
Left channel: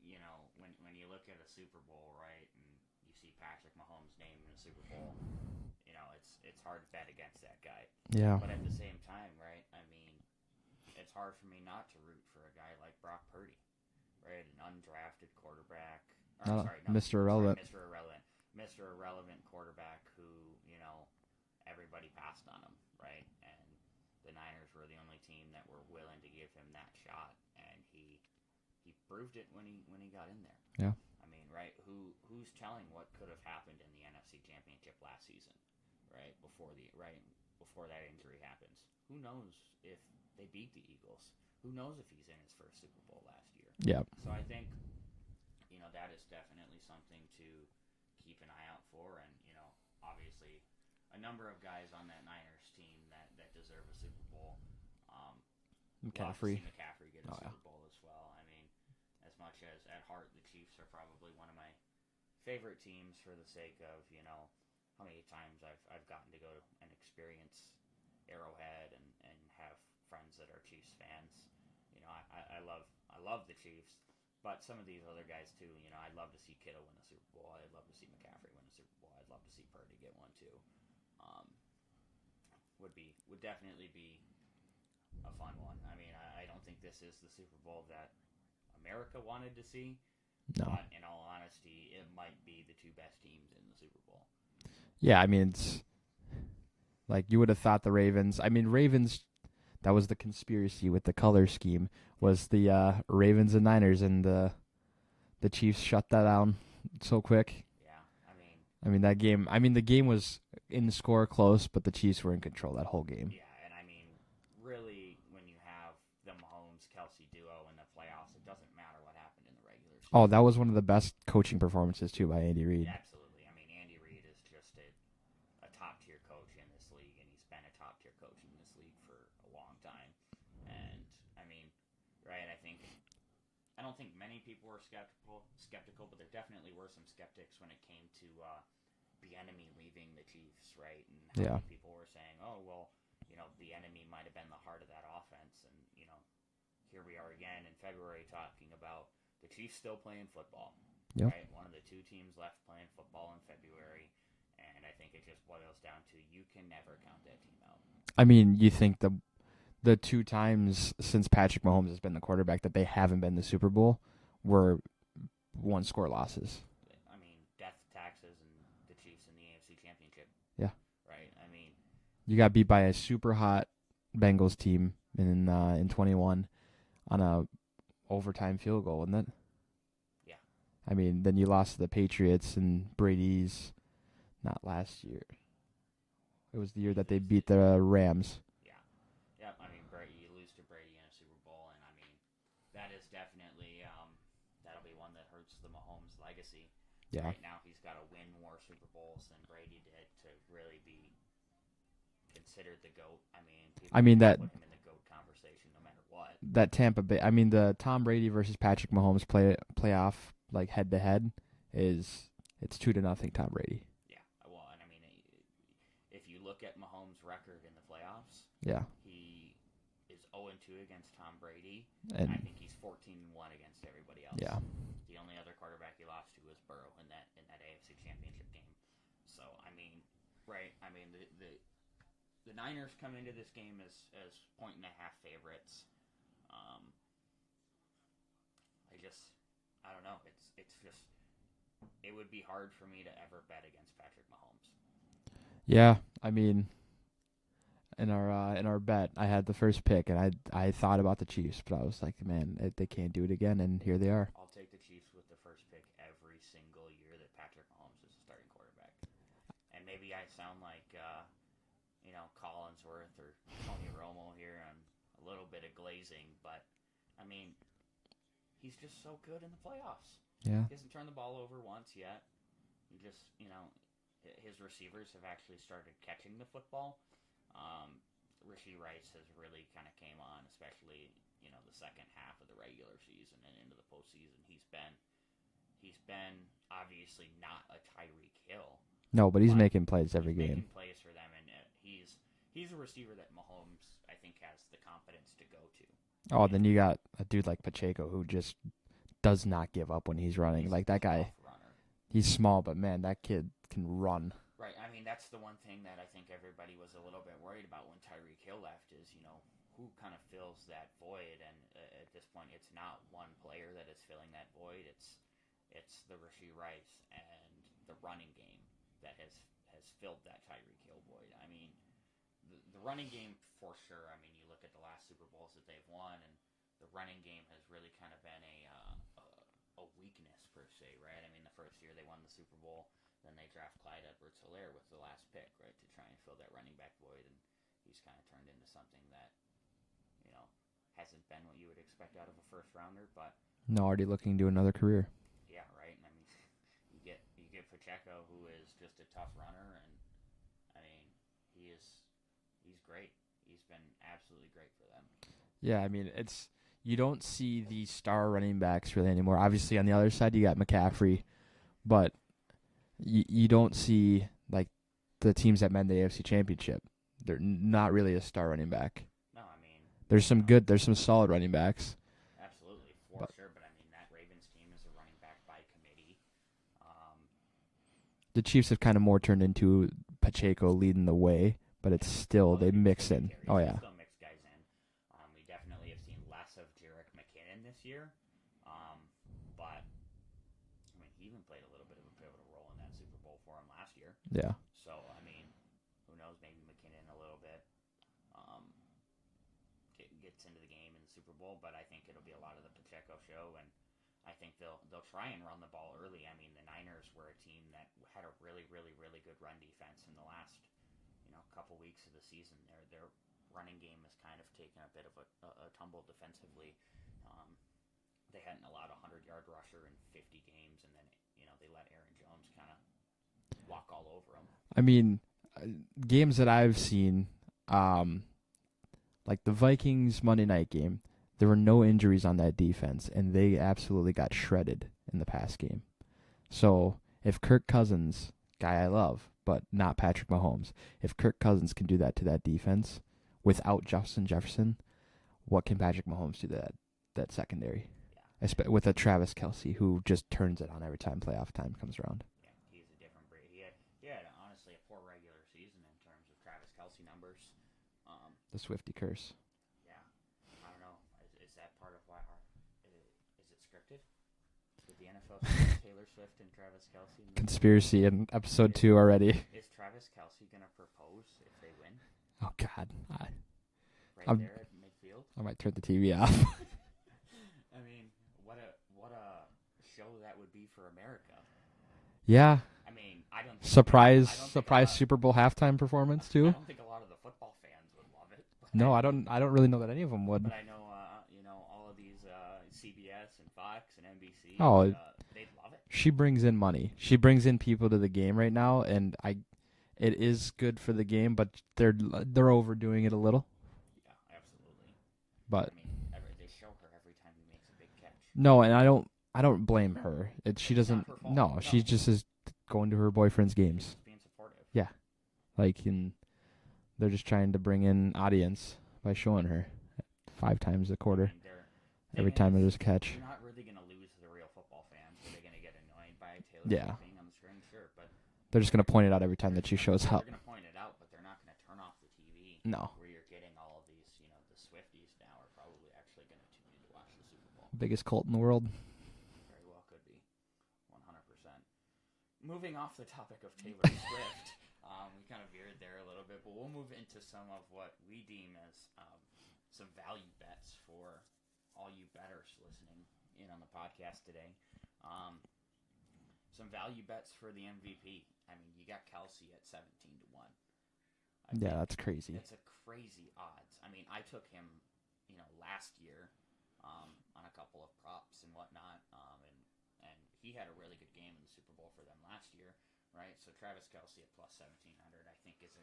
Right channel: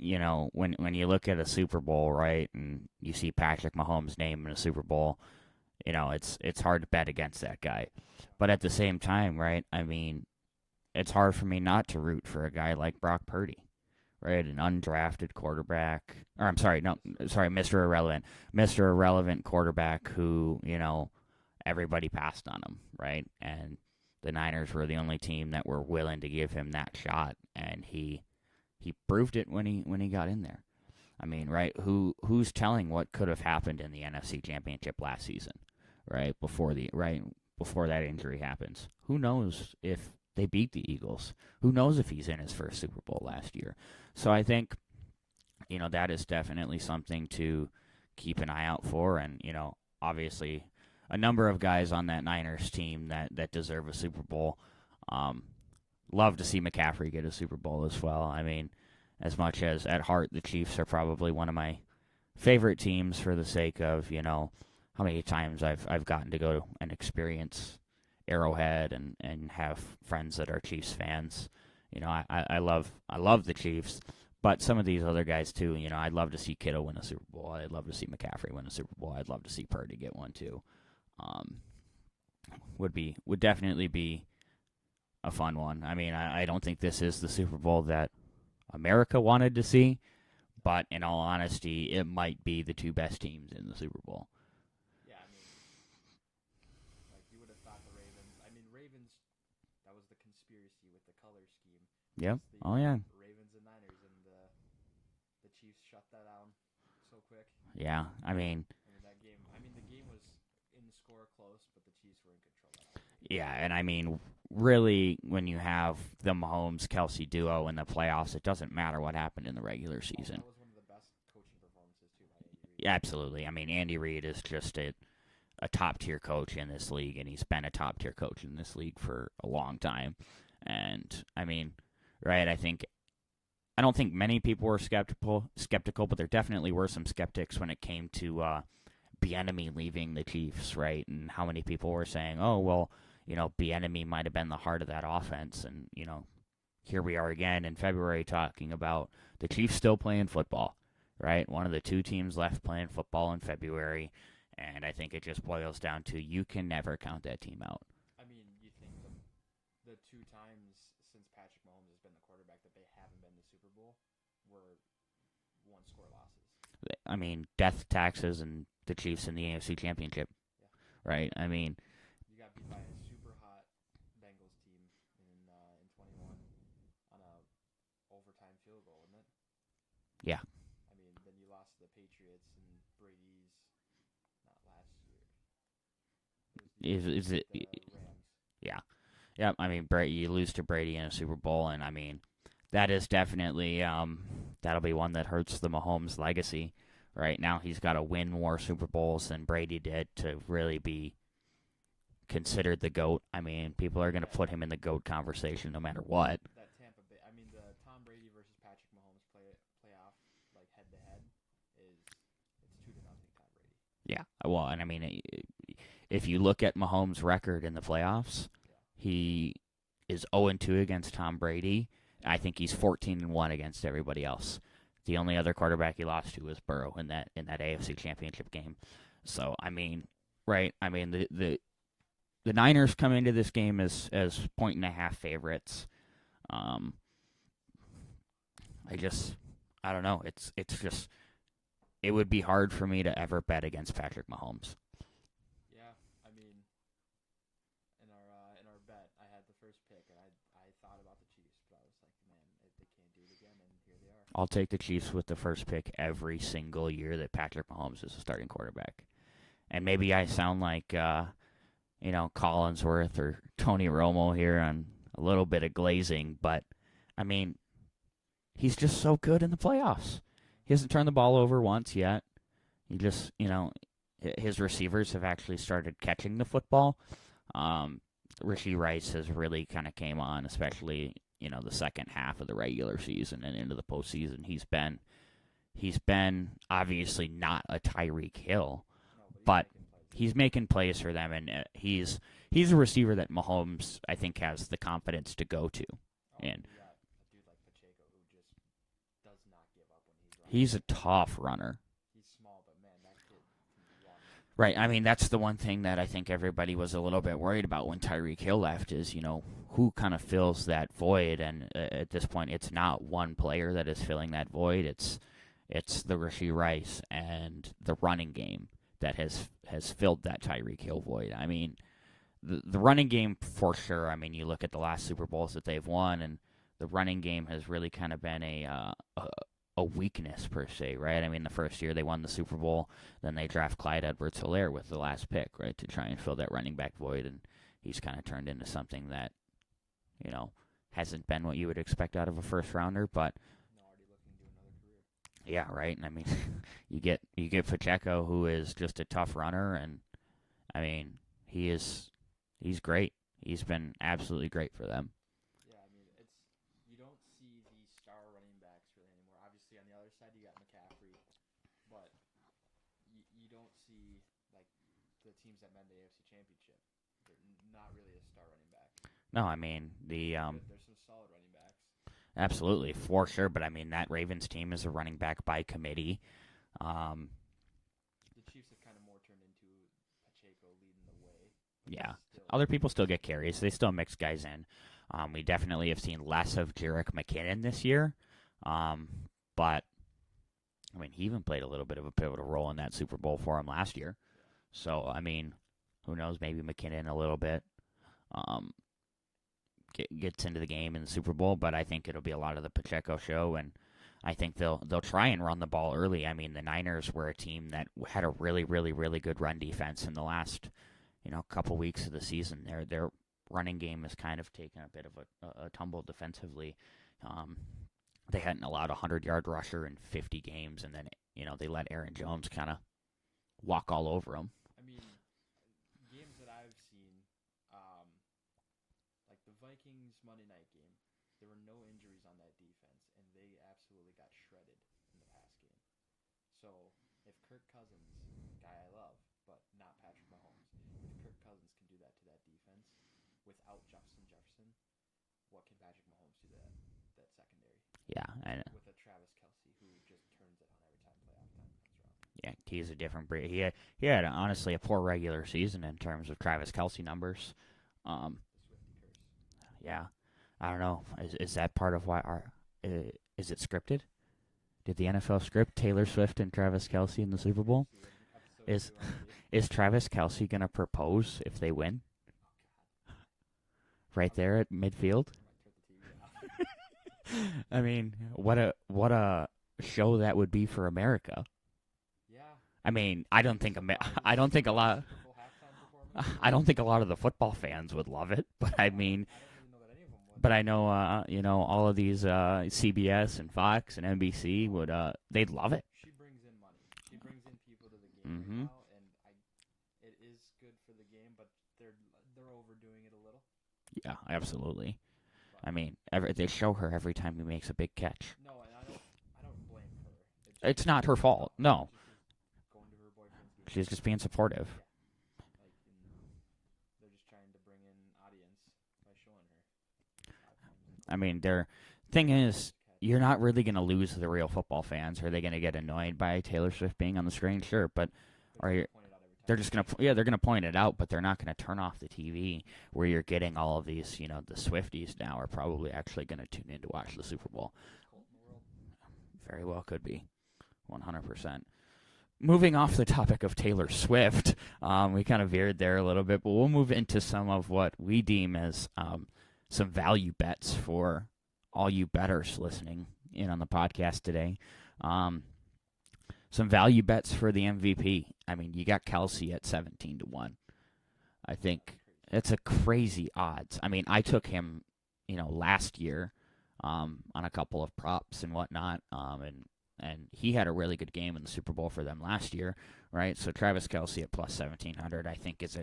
you know, when you look at a Super Bowl, right, and you see Patrick Mahomes' name in a Super Bowl, you know, it's hard to bet against that guy. Yeah. But at the same time, right, I mean, it's hard for me not to root for a guy like Brock Purdy, right, an undrafted quarterback. Or Mr. Irrelevant. Mr. Irrelevant quarterback who, you know, everybody passed on him, right? And the Niners were the only team that were willing to give him that shot, and he proved it when he got in there. Yeah. I mean, right? Who's telling what could have happened in the NFC Championship last season, right? Before that injury happens. Who knows if they beat the Eagles? Who knows if he's in his first Super Bowl last year? Yeah. So I think, you know, that is definitely something to keep an eye out for, and, you know, obviously a number of guys on that Niners team that deserve a Super Bowl. Love to see McCaffrey get a Super Bowl as well. I mean, as much as at heart the Chiefs are probably one of my favorite teams for the sake of, you know, how many times I've gotten to go and experience Arrowhead and have friends that are Chiefs fans. You know, I love the Chiefs, but some of these other guys too. You know, I'd love to see Kittle win a Super Bowl. I'd love to see McCaffrey win a Super Bowl. I'd love to see Purdy get one too. Would definitely be a fun one. I mean, I don't think this is the Super Bowl that America wanted to see, but in all honesty, it might be the two best teams in the Super Bowl. Yeah, I mean, it's like you would have thought the Ravens. I mean, Ravens, that was the conspiracy with the color scheme, was the Ravens and Niners, and the Chiefs shut that down so quick. Yeah, I mean that game. The game was in the score close, but the Chiefs were in control that whole game. Yeah, and I mean, really, when you have the Mahomes-Kelsey duo in the playoffs, it doesn't matter what happened in the regular season. Oh, that was one of the best coaching performances, too, by Andy Reid. Yeah, absolutely. I mean, Andy Reid is just a top-tier coach in this league, and he's been a top-tier coach in this league for a long time. And, I mean, right, I don't think many people were skeptical, but there definitely were some skeptics when it came to Bieniemy leaving the Chiefs, right? And how many people were saying, oh, well, Bieniemy might have been the heart of that offense. And, here we are again in February talking about the Chiefs still playing football, right? One of the two teams left playing football in February. And I think it just boils down to you can never count that team out. I mean, you think the 2 times since Patrick Mahomes has been the quarterback that they haven't been in the Super Bowl were 1-score losses. I mean, death taxes and the Chiefs in the AFC Championship. Yeah. Right? I mean, you got beat by a super hot Bengals team in 21 on a overtime field goal, wasn't it? Yeah. I mean, then you lost to the Patriots and Brady's not last year. It was the year that they beat the Rams. Yeah. Yeah, I mean, you lose to Brady in a Super Bowl, and I mean, that is definitely that'll be one that hurts the Mahomes legacy. Yeah. Right now, he's got to win more Super Bowls than Brady did to really be considered the GOAT. I mean, people are going to put him in the GOAT conversation no matter what. That Tampa Bay, the Tom Brady versus Patrick Mahomes playoff, like head-to-head, it's 2-0 Tom Brady. Yeah, well, and I mean, if you look at Mahomes' record in the playoffs, he is 0-2 against Tom Brady, and I think he's 14-1 against everybody else. Yeah. The only other quarterback he lost to was Burrow in that AFC Championship game. So I mean, right? I mean the Niners come into this game as 1.5 favorites. I don't know. It's just it would be hard for me to ever bet against Patrick Mahomes. Yeah, I mean, in our bet, I had the first pick, and I thought about the Chiefs, but I was like, man, they can't do it again, and here they are. I'll take the Chiefs with the first pick every single year that Patrick Mahomes is a starting quarterback. And maybe I sound like, Collinsworth or Tony Romo here on a little bit of glazing, but, I mean, he's just so good in the playoffs. Yeah. He hasn't turned the ball over once yet. He just, his receivers have actually started catching the football. Rashee Rice has really kind of came on, especially, the second half of the regular season and into the postseason. He's been obviously not a Tyreek Hill. No, but he's making plays every He's game. making plays for them, and he's a receiver that Mahomes, I think, has the confidence to go to. Oh, then you got a dude like Pacheco who just does not give up when he's running. He's like a tough runner. He's small, but, man, that kid can run. Right. I mean, that's the one thing that I think everybody was a little bit worried about when Tyreek Hill left is, who kind of fills that void. And at this point, it's not one player that is filling that void. It's the Rashee Rice and the running game that has filled that Tyreek Hill void. I mean, the running game for sure. I mean, you look at the last Super Bowls that they've won, and the running game has really kind of been a weakness per se, right? I mean, the first year they won the Super Bowl, then they draft Clyde Edwards-Helaire with the last pick, right, to try and fill that running back void, and he's kind of turned into something that, hasn't been what you would expect out of a first rounder, but no, already looking to another career. Yeah, right. And I mean, you get Pacheco, who is just a tough runner, and I mean, he's great. He's been absolutely great for them. Yeah, I mean, you don't see the star running backs really anymore. Obviously, on the other side, you got McCaffrey, but you don't see, like, the teams that made the AFC Championship. They're not really a star running back. No, I mean, there's some solid running backs. Absolutely, for sure. But, I mean, that Ravens team is a running back by committee. The Chiefs have kind of more turned into Pacheco leading the way, but it's still other people still get carries. They still mix guys in. We definitely have seen less of Jerick McKinnon this year. But, I mean, he even played a little bit of a pivotal role in that Super Bowl for him last year. Yeah. So, I mean, who knows? Maybe McKinnon a little bit gets into the game in the Super Bowl, but I think it'll be a lot of the Pacheco show. And I think they'll try and run the ball early. I mean, the Niners were a team that had a really, really, really good run defense in the last, couple weeks of the season. Their running game has kind of taken a bit of a tumble defensively. They hadn't allowed a 100-yard rusher in 50 games, and then they let Aaron Jones kind of walk all over them. I mean, games that I've seen, like the Vikings Monday night game, there were no injuries on that defense, and they absolutely got shredded in the past game. So if Kirk Cousins, guy I love, but not Patrick Mahomes, if Kirk Cousins can do that to that defense without Justin Jefferson, what can Patrick Mahomes do to that secondary? Yeah. With a Travis Kelce who just turns it on every time playoff time comes around. Yeah, he's a different breed. He had honestly a poor regular season in terms of Travis Kelce numbers. The Swiftie curse. Yeah. I don't know. Is that part of why is it scripted? Did the NFL script Taylor Swift and Travis Kelce in the Super Bowl? Conspiracy in episode 2 already. Is Travis Kelce going to propose if they win? Oh, God. Right there at midfield? I might turn the TV off. I mean, what a show that would be for America. Yeah. I mean, I don't think surprise a Super Bowl halftime performance too. I don't think a lot of the football fans would love it, but no, I don't really know that any of them would. But I know all of these CBS and Fox and NBC they'd love it. She brings in money. She brings in people to the game right now, and it is good for the game, but they're overdoing it a little. Yeah, absolutely. But I mean, they show her every time he makes a big catch. No, and I don't blame her. It's not her fault. No, she just is going to her boyfriend's games. She's just being supportive. Yeah, they're just trying to bring in audience by showing her 5 times a quarter. I mean, you're not really going to lose the real football fans. Are they going to get annoyed by Taylor Swift being on the screen? Sure, but they're just going to point it out every time that she shows up. Yeah, they're going to point it out, but they're not going to turn off the TV. No. Where you're getting all of these, the Swifties now are probably actually going to tune in to watch the Super Bowl. Biggest cult in the world. Very well could be. 100%. Moving off the topic of Taylor Swift, we kind of veered there a little bit, but we'll move into some of what we deem as some value bets for all you bettors listening in on the podcast today. Some value bets for the MVP. I mean, you got Kelce at 17-1. I think that's crazy. It's a crazy odds. I mean, I took him, last year on a couple of props and whatnot, and he had a really good game in the Super Bowl for them last year, right? So Travis Kelce at plus 1,700, I think is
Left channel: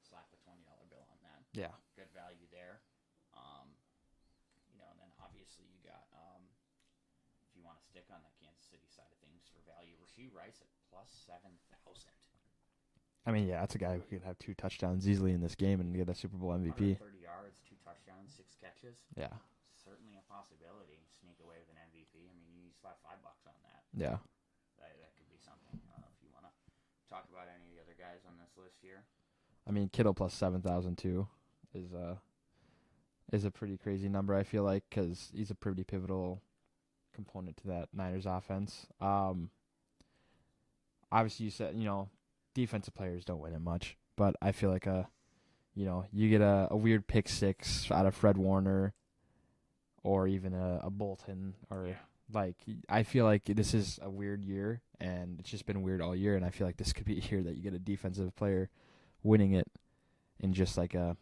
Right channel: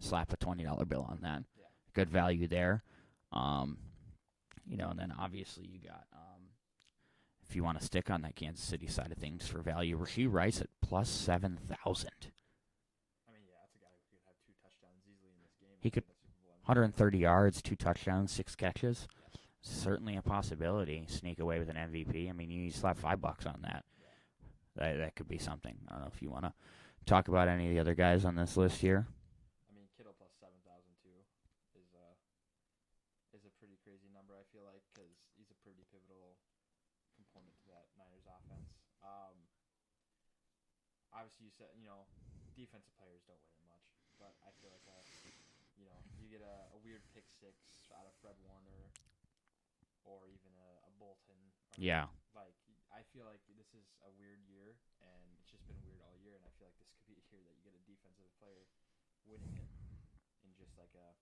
slap a $20 bill on that. Yeah, good value there. And then obviously you got. If you want to stick on that Kansas City side of things for value, Rashee Rice at plus 7,000. I mean, yeah, that's a guy who could have 2 touchdowns easily in this game and get a Super Bowl MVP. 130 yards, 2 touchdowns, 6 catches. Yeah. Certainly a possibility. Sneak away with an MVP. I mean, you slap $5 on that. Yeah. That could be something. I don't know if you want to talk about any of the other guys on this list here. I mean, Kittle plus 7,000 too is a pretty crazy number, I feel like, because he's a pretty pivotal component to that Niners offense. Obviously, you said, defensive players don't win it much, but I feel like you get a weird pick six out of Fred Warner or even a Bolton. I feel like this is a weird year, and it's just been weird all year, and I feel like this could be a year that you get a defensive player winning it in just like a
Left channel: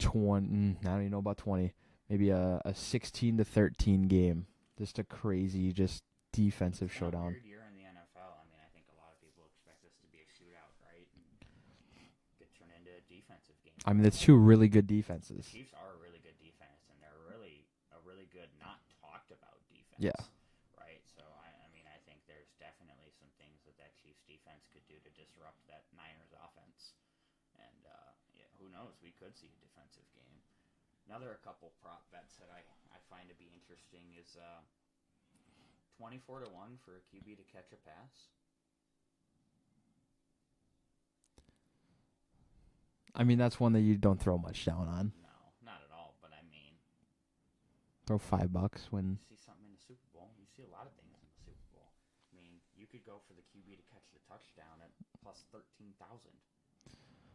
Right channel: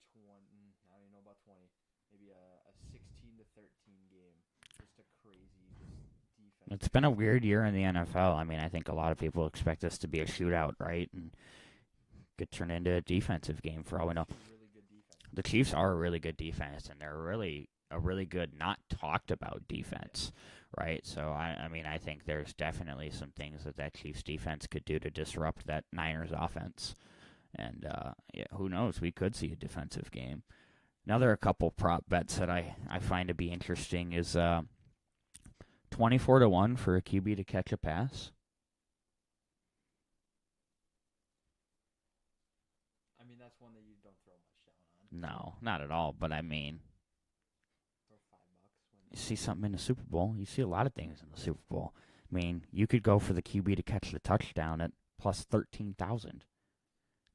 20, I don't even know about 20, maybe a 16-13 game. Just a crazy, defensive. It's been shutout. A weird year in the NFL. I mean, I think a lot of people expect this to be a shootout, right? And could turn into a defensive game. I mean, it's 2 really good defenses. The Chiefs are a really good defense, and they're a really good, not talked about defense, right? So, I mean, I think there's definitely some things that Chiefs defense could do to disrupt that Niners offense. And, who knows? We could see a defensive game. Another a couple prop bets that I find to be interesting is 24-1 for a QB to catch a pass. I mean, that's one that you don't throw much down on. No, not at all. But I mean, throw $5 when you see something in the Super Bowl. You see a lot of things in the Super Bowl. I mean, you could go for the QB to catch the touchdown at plus 13,000.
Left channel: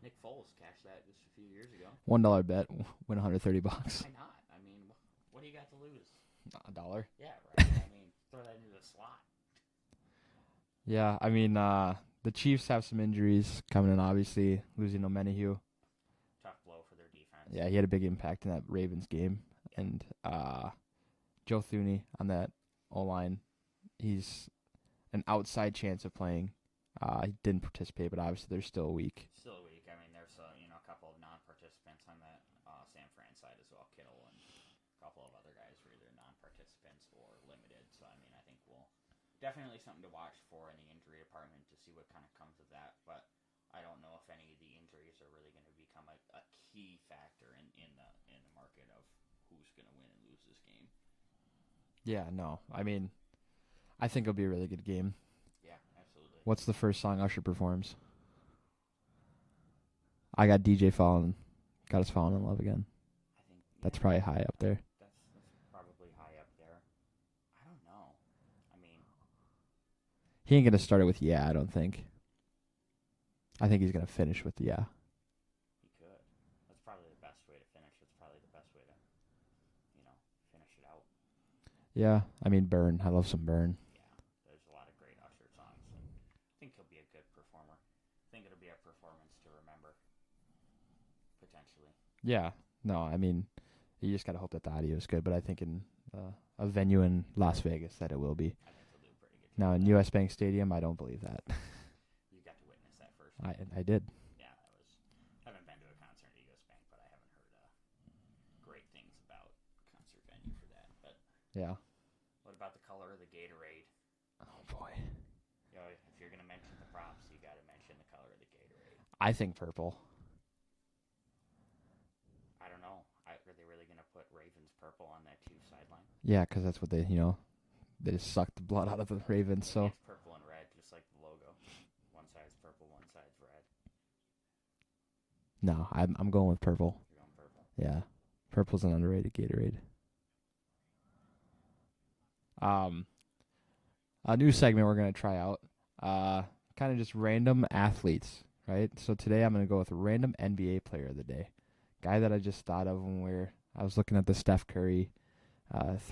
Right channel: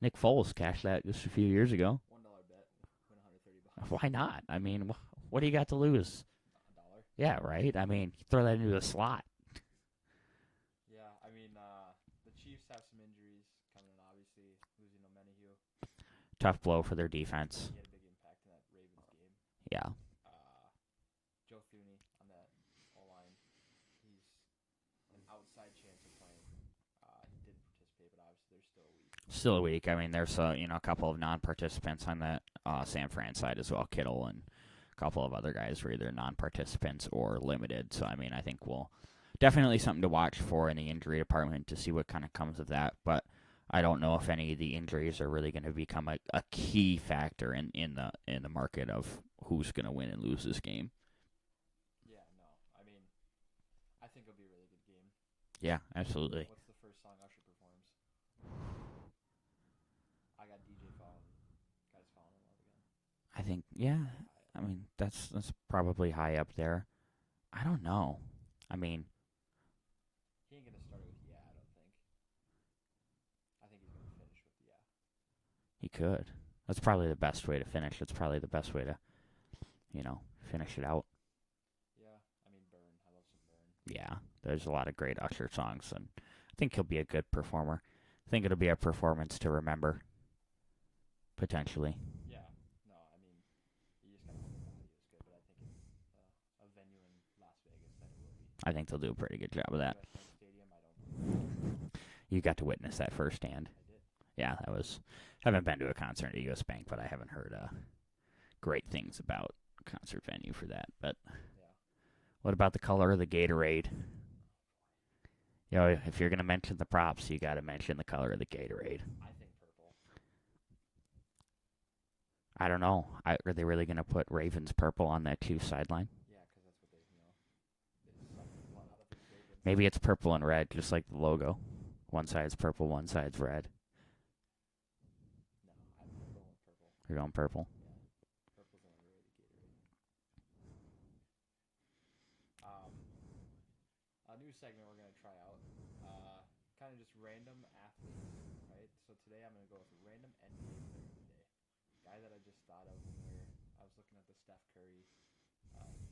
Nick Foles cashed that just a few years ago. $1 bet, win $130. Why not? I mean, what do you got to lose? $1. Yeah, right? I mean, throw that into the slot. Yeah, I mean, the Chiefs have some injuries coming in, obviously, losing O'Menihue. Tough blow for their defense. Yeah, he had a big impact in that Ravens game. Yeah. And Joe Thuney on that O-line, he's an outside chance of playing. He didn't participate, but obviously they're still weak. Still a week. I mean, there's a couple of non-participants on that San Fran side as well. Kittle and a couple of other guys were either non-participants or limited. So I mean, I think we'll definitely something to watch for in the injury department to see what kind of comes of that. But I don't know if any of the injuries are really going to become a key factor in the market of who's going to win and lose this game. Yeah, no. I mean, I think it'll be a really good game. Yeah, absolutely. What's the first song Usher performs? I got DJ falling, got us falling in love again. I think that's probably high up there. Mean, that's probably high up there. I don't know. I mean, he ain't gonna start it with I don't think. I think he's gonna finish with yeah. He could. That's probably the best way to finish. That's probably the best way to, finish it out. Yeah, I mean, Burn. I love some Burn. Yeah. There's a lot of great Usher songs, and I think he'll be a good performer. I think it'll be a performance to remember, potentially. Yeah. No, I mean, you just got to hope that the audio is good, but I think in a venue in Las Vegas that it will be. I think they'll do a pretty good job of in that. U.S. Bank Stadium, I don't believe that. You got to witness that firsthand. I did. Yeah, that was... haven't been to a concert at U.S. Bank, but I haven't heard great things about concert venue for that. But yeah. What about the color of the Gatorade? If you're going to mention the props, you got to mention the color of the Gatorade. I think purple. I don't know. Are they really going to put Ravens purple on that Chiefs sideline? Yeah, because that's what they just suck the blood out of the Ravens. Maybe it's purple and red, just like the logo. One side's purple, one side's red. No, I'm going with purple. You're going purple? Yeah. Purple's an underrated Gatorade. A new segment we're going to try out. Kind of just random athletes, right? So today I'm going to go with random NBA player of the day. Guy that I just thought of when I was looking at the Steph Curry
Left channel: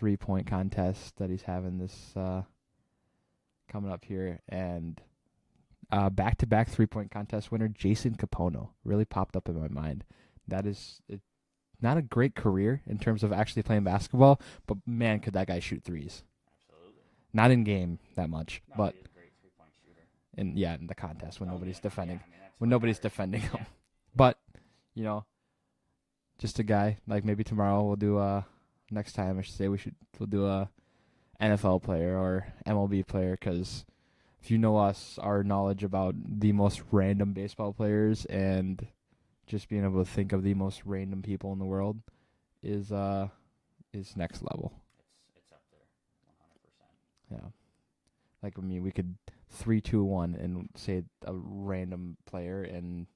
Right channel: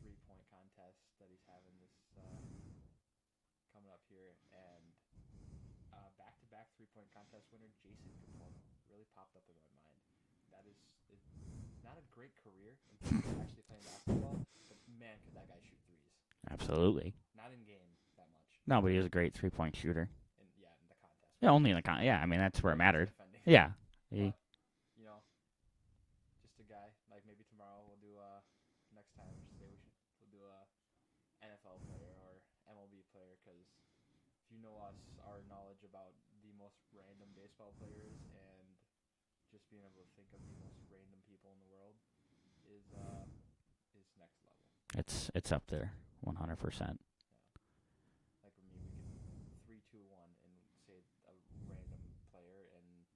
3-point contest that he's having this coming up here. And back-to-back 3-point contest winner, Jason Capono, really popped up in my mind. That is not a great career in terms of actually playing basketball, but man, could that guy shoot threes. Absolutely. Not in game that much. No, but he was a great 3-point shooter. In the contest. Yeah, only in the contest. Yeah, I mean, that's when where nobody's matters. defending. Yeah. But, just a guy. Like maybe tomorrow we'll do next time I should say we'll do a NFL player or MLB player, because if you know us, our knowledge about the most random baseball players and just being able to think of the most random people in the world is next level. It's up there, 100%. Yeah. Like, I mean, we could 3, 2, 1 and say a random player, and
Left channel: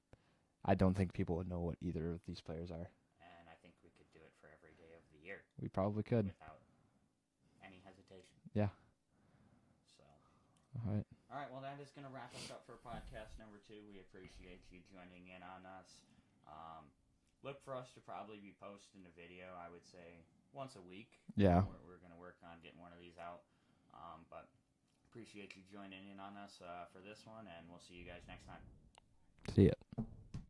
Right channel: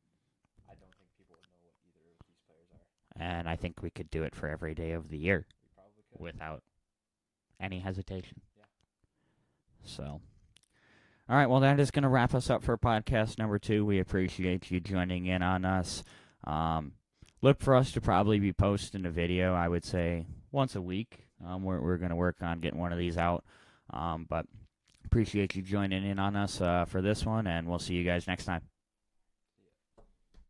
I don't think people would know what either of these players are. And I think we could do it for every day of the year. We probably could. Without any hesitation. Yeah. So. All right, well, that is going to wrap us up for podcast number 2. We appreciate you joining in on us. Look for us to probably be posting a video, I would say, once a week. Yeah. We're going to work on getting one of these out. But appreciate you joining in on us for this one, and we'll see you guys next time. See ya.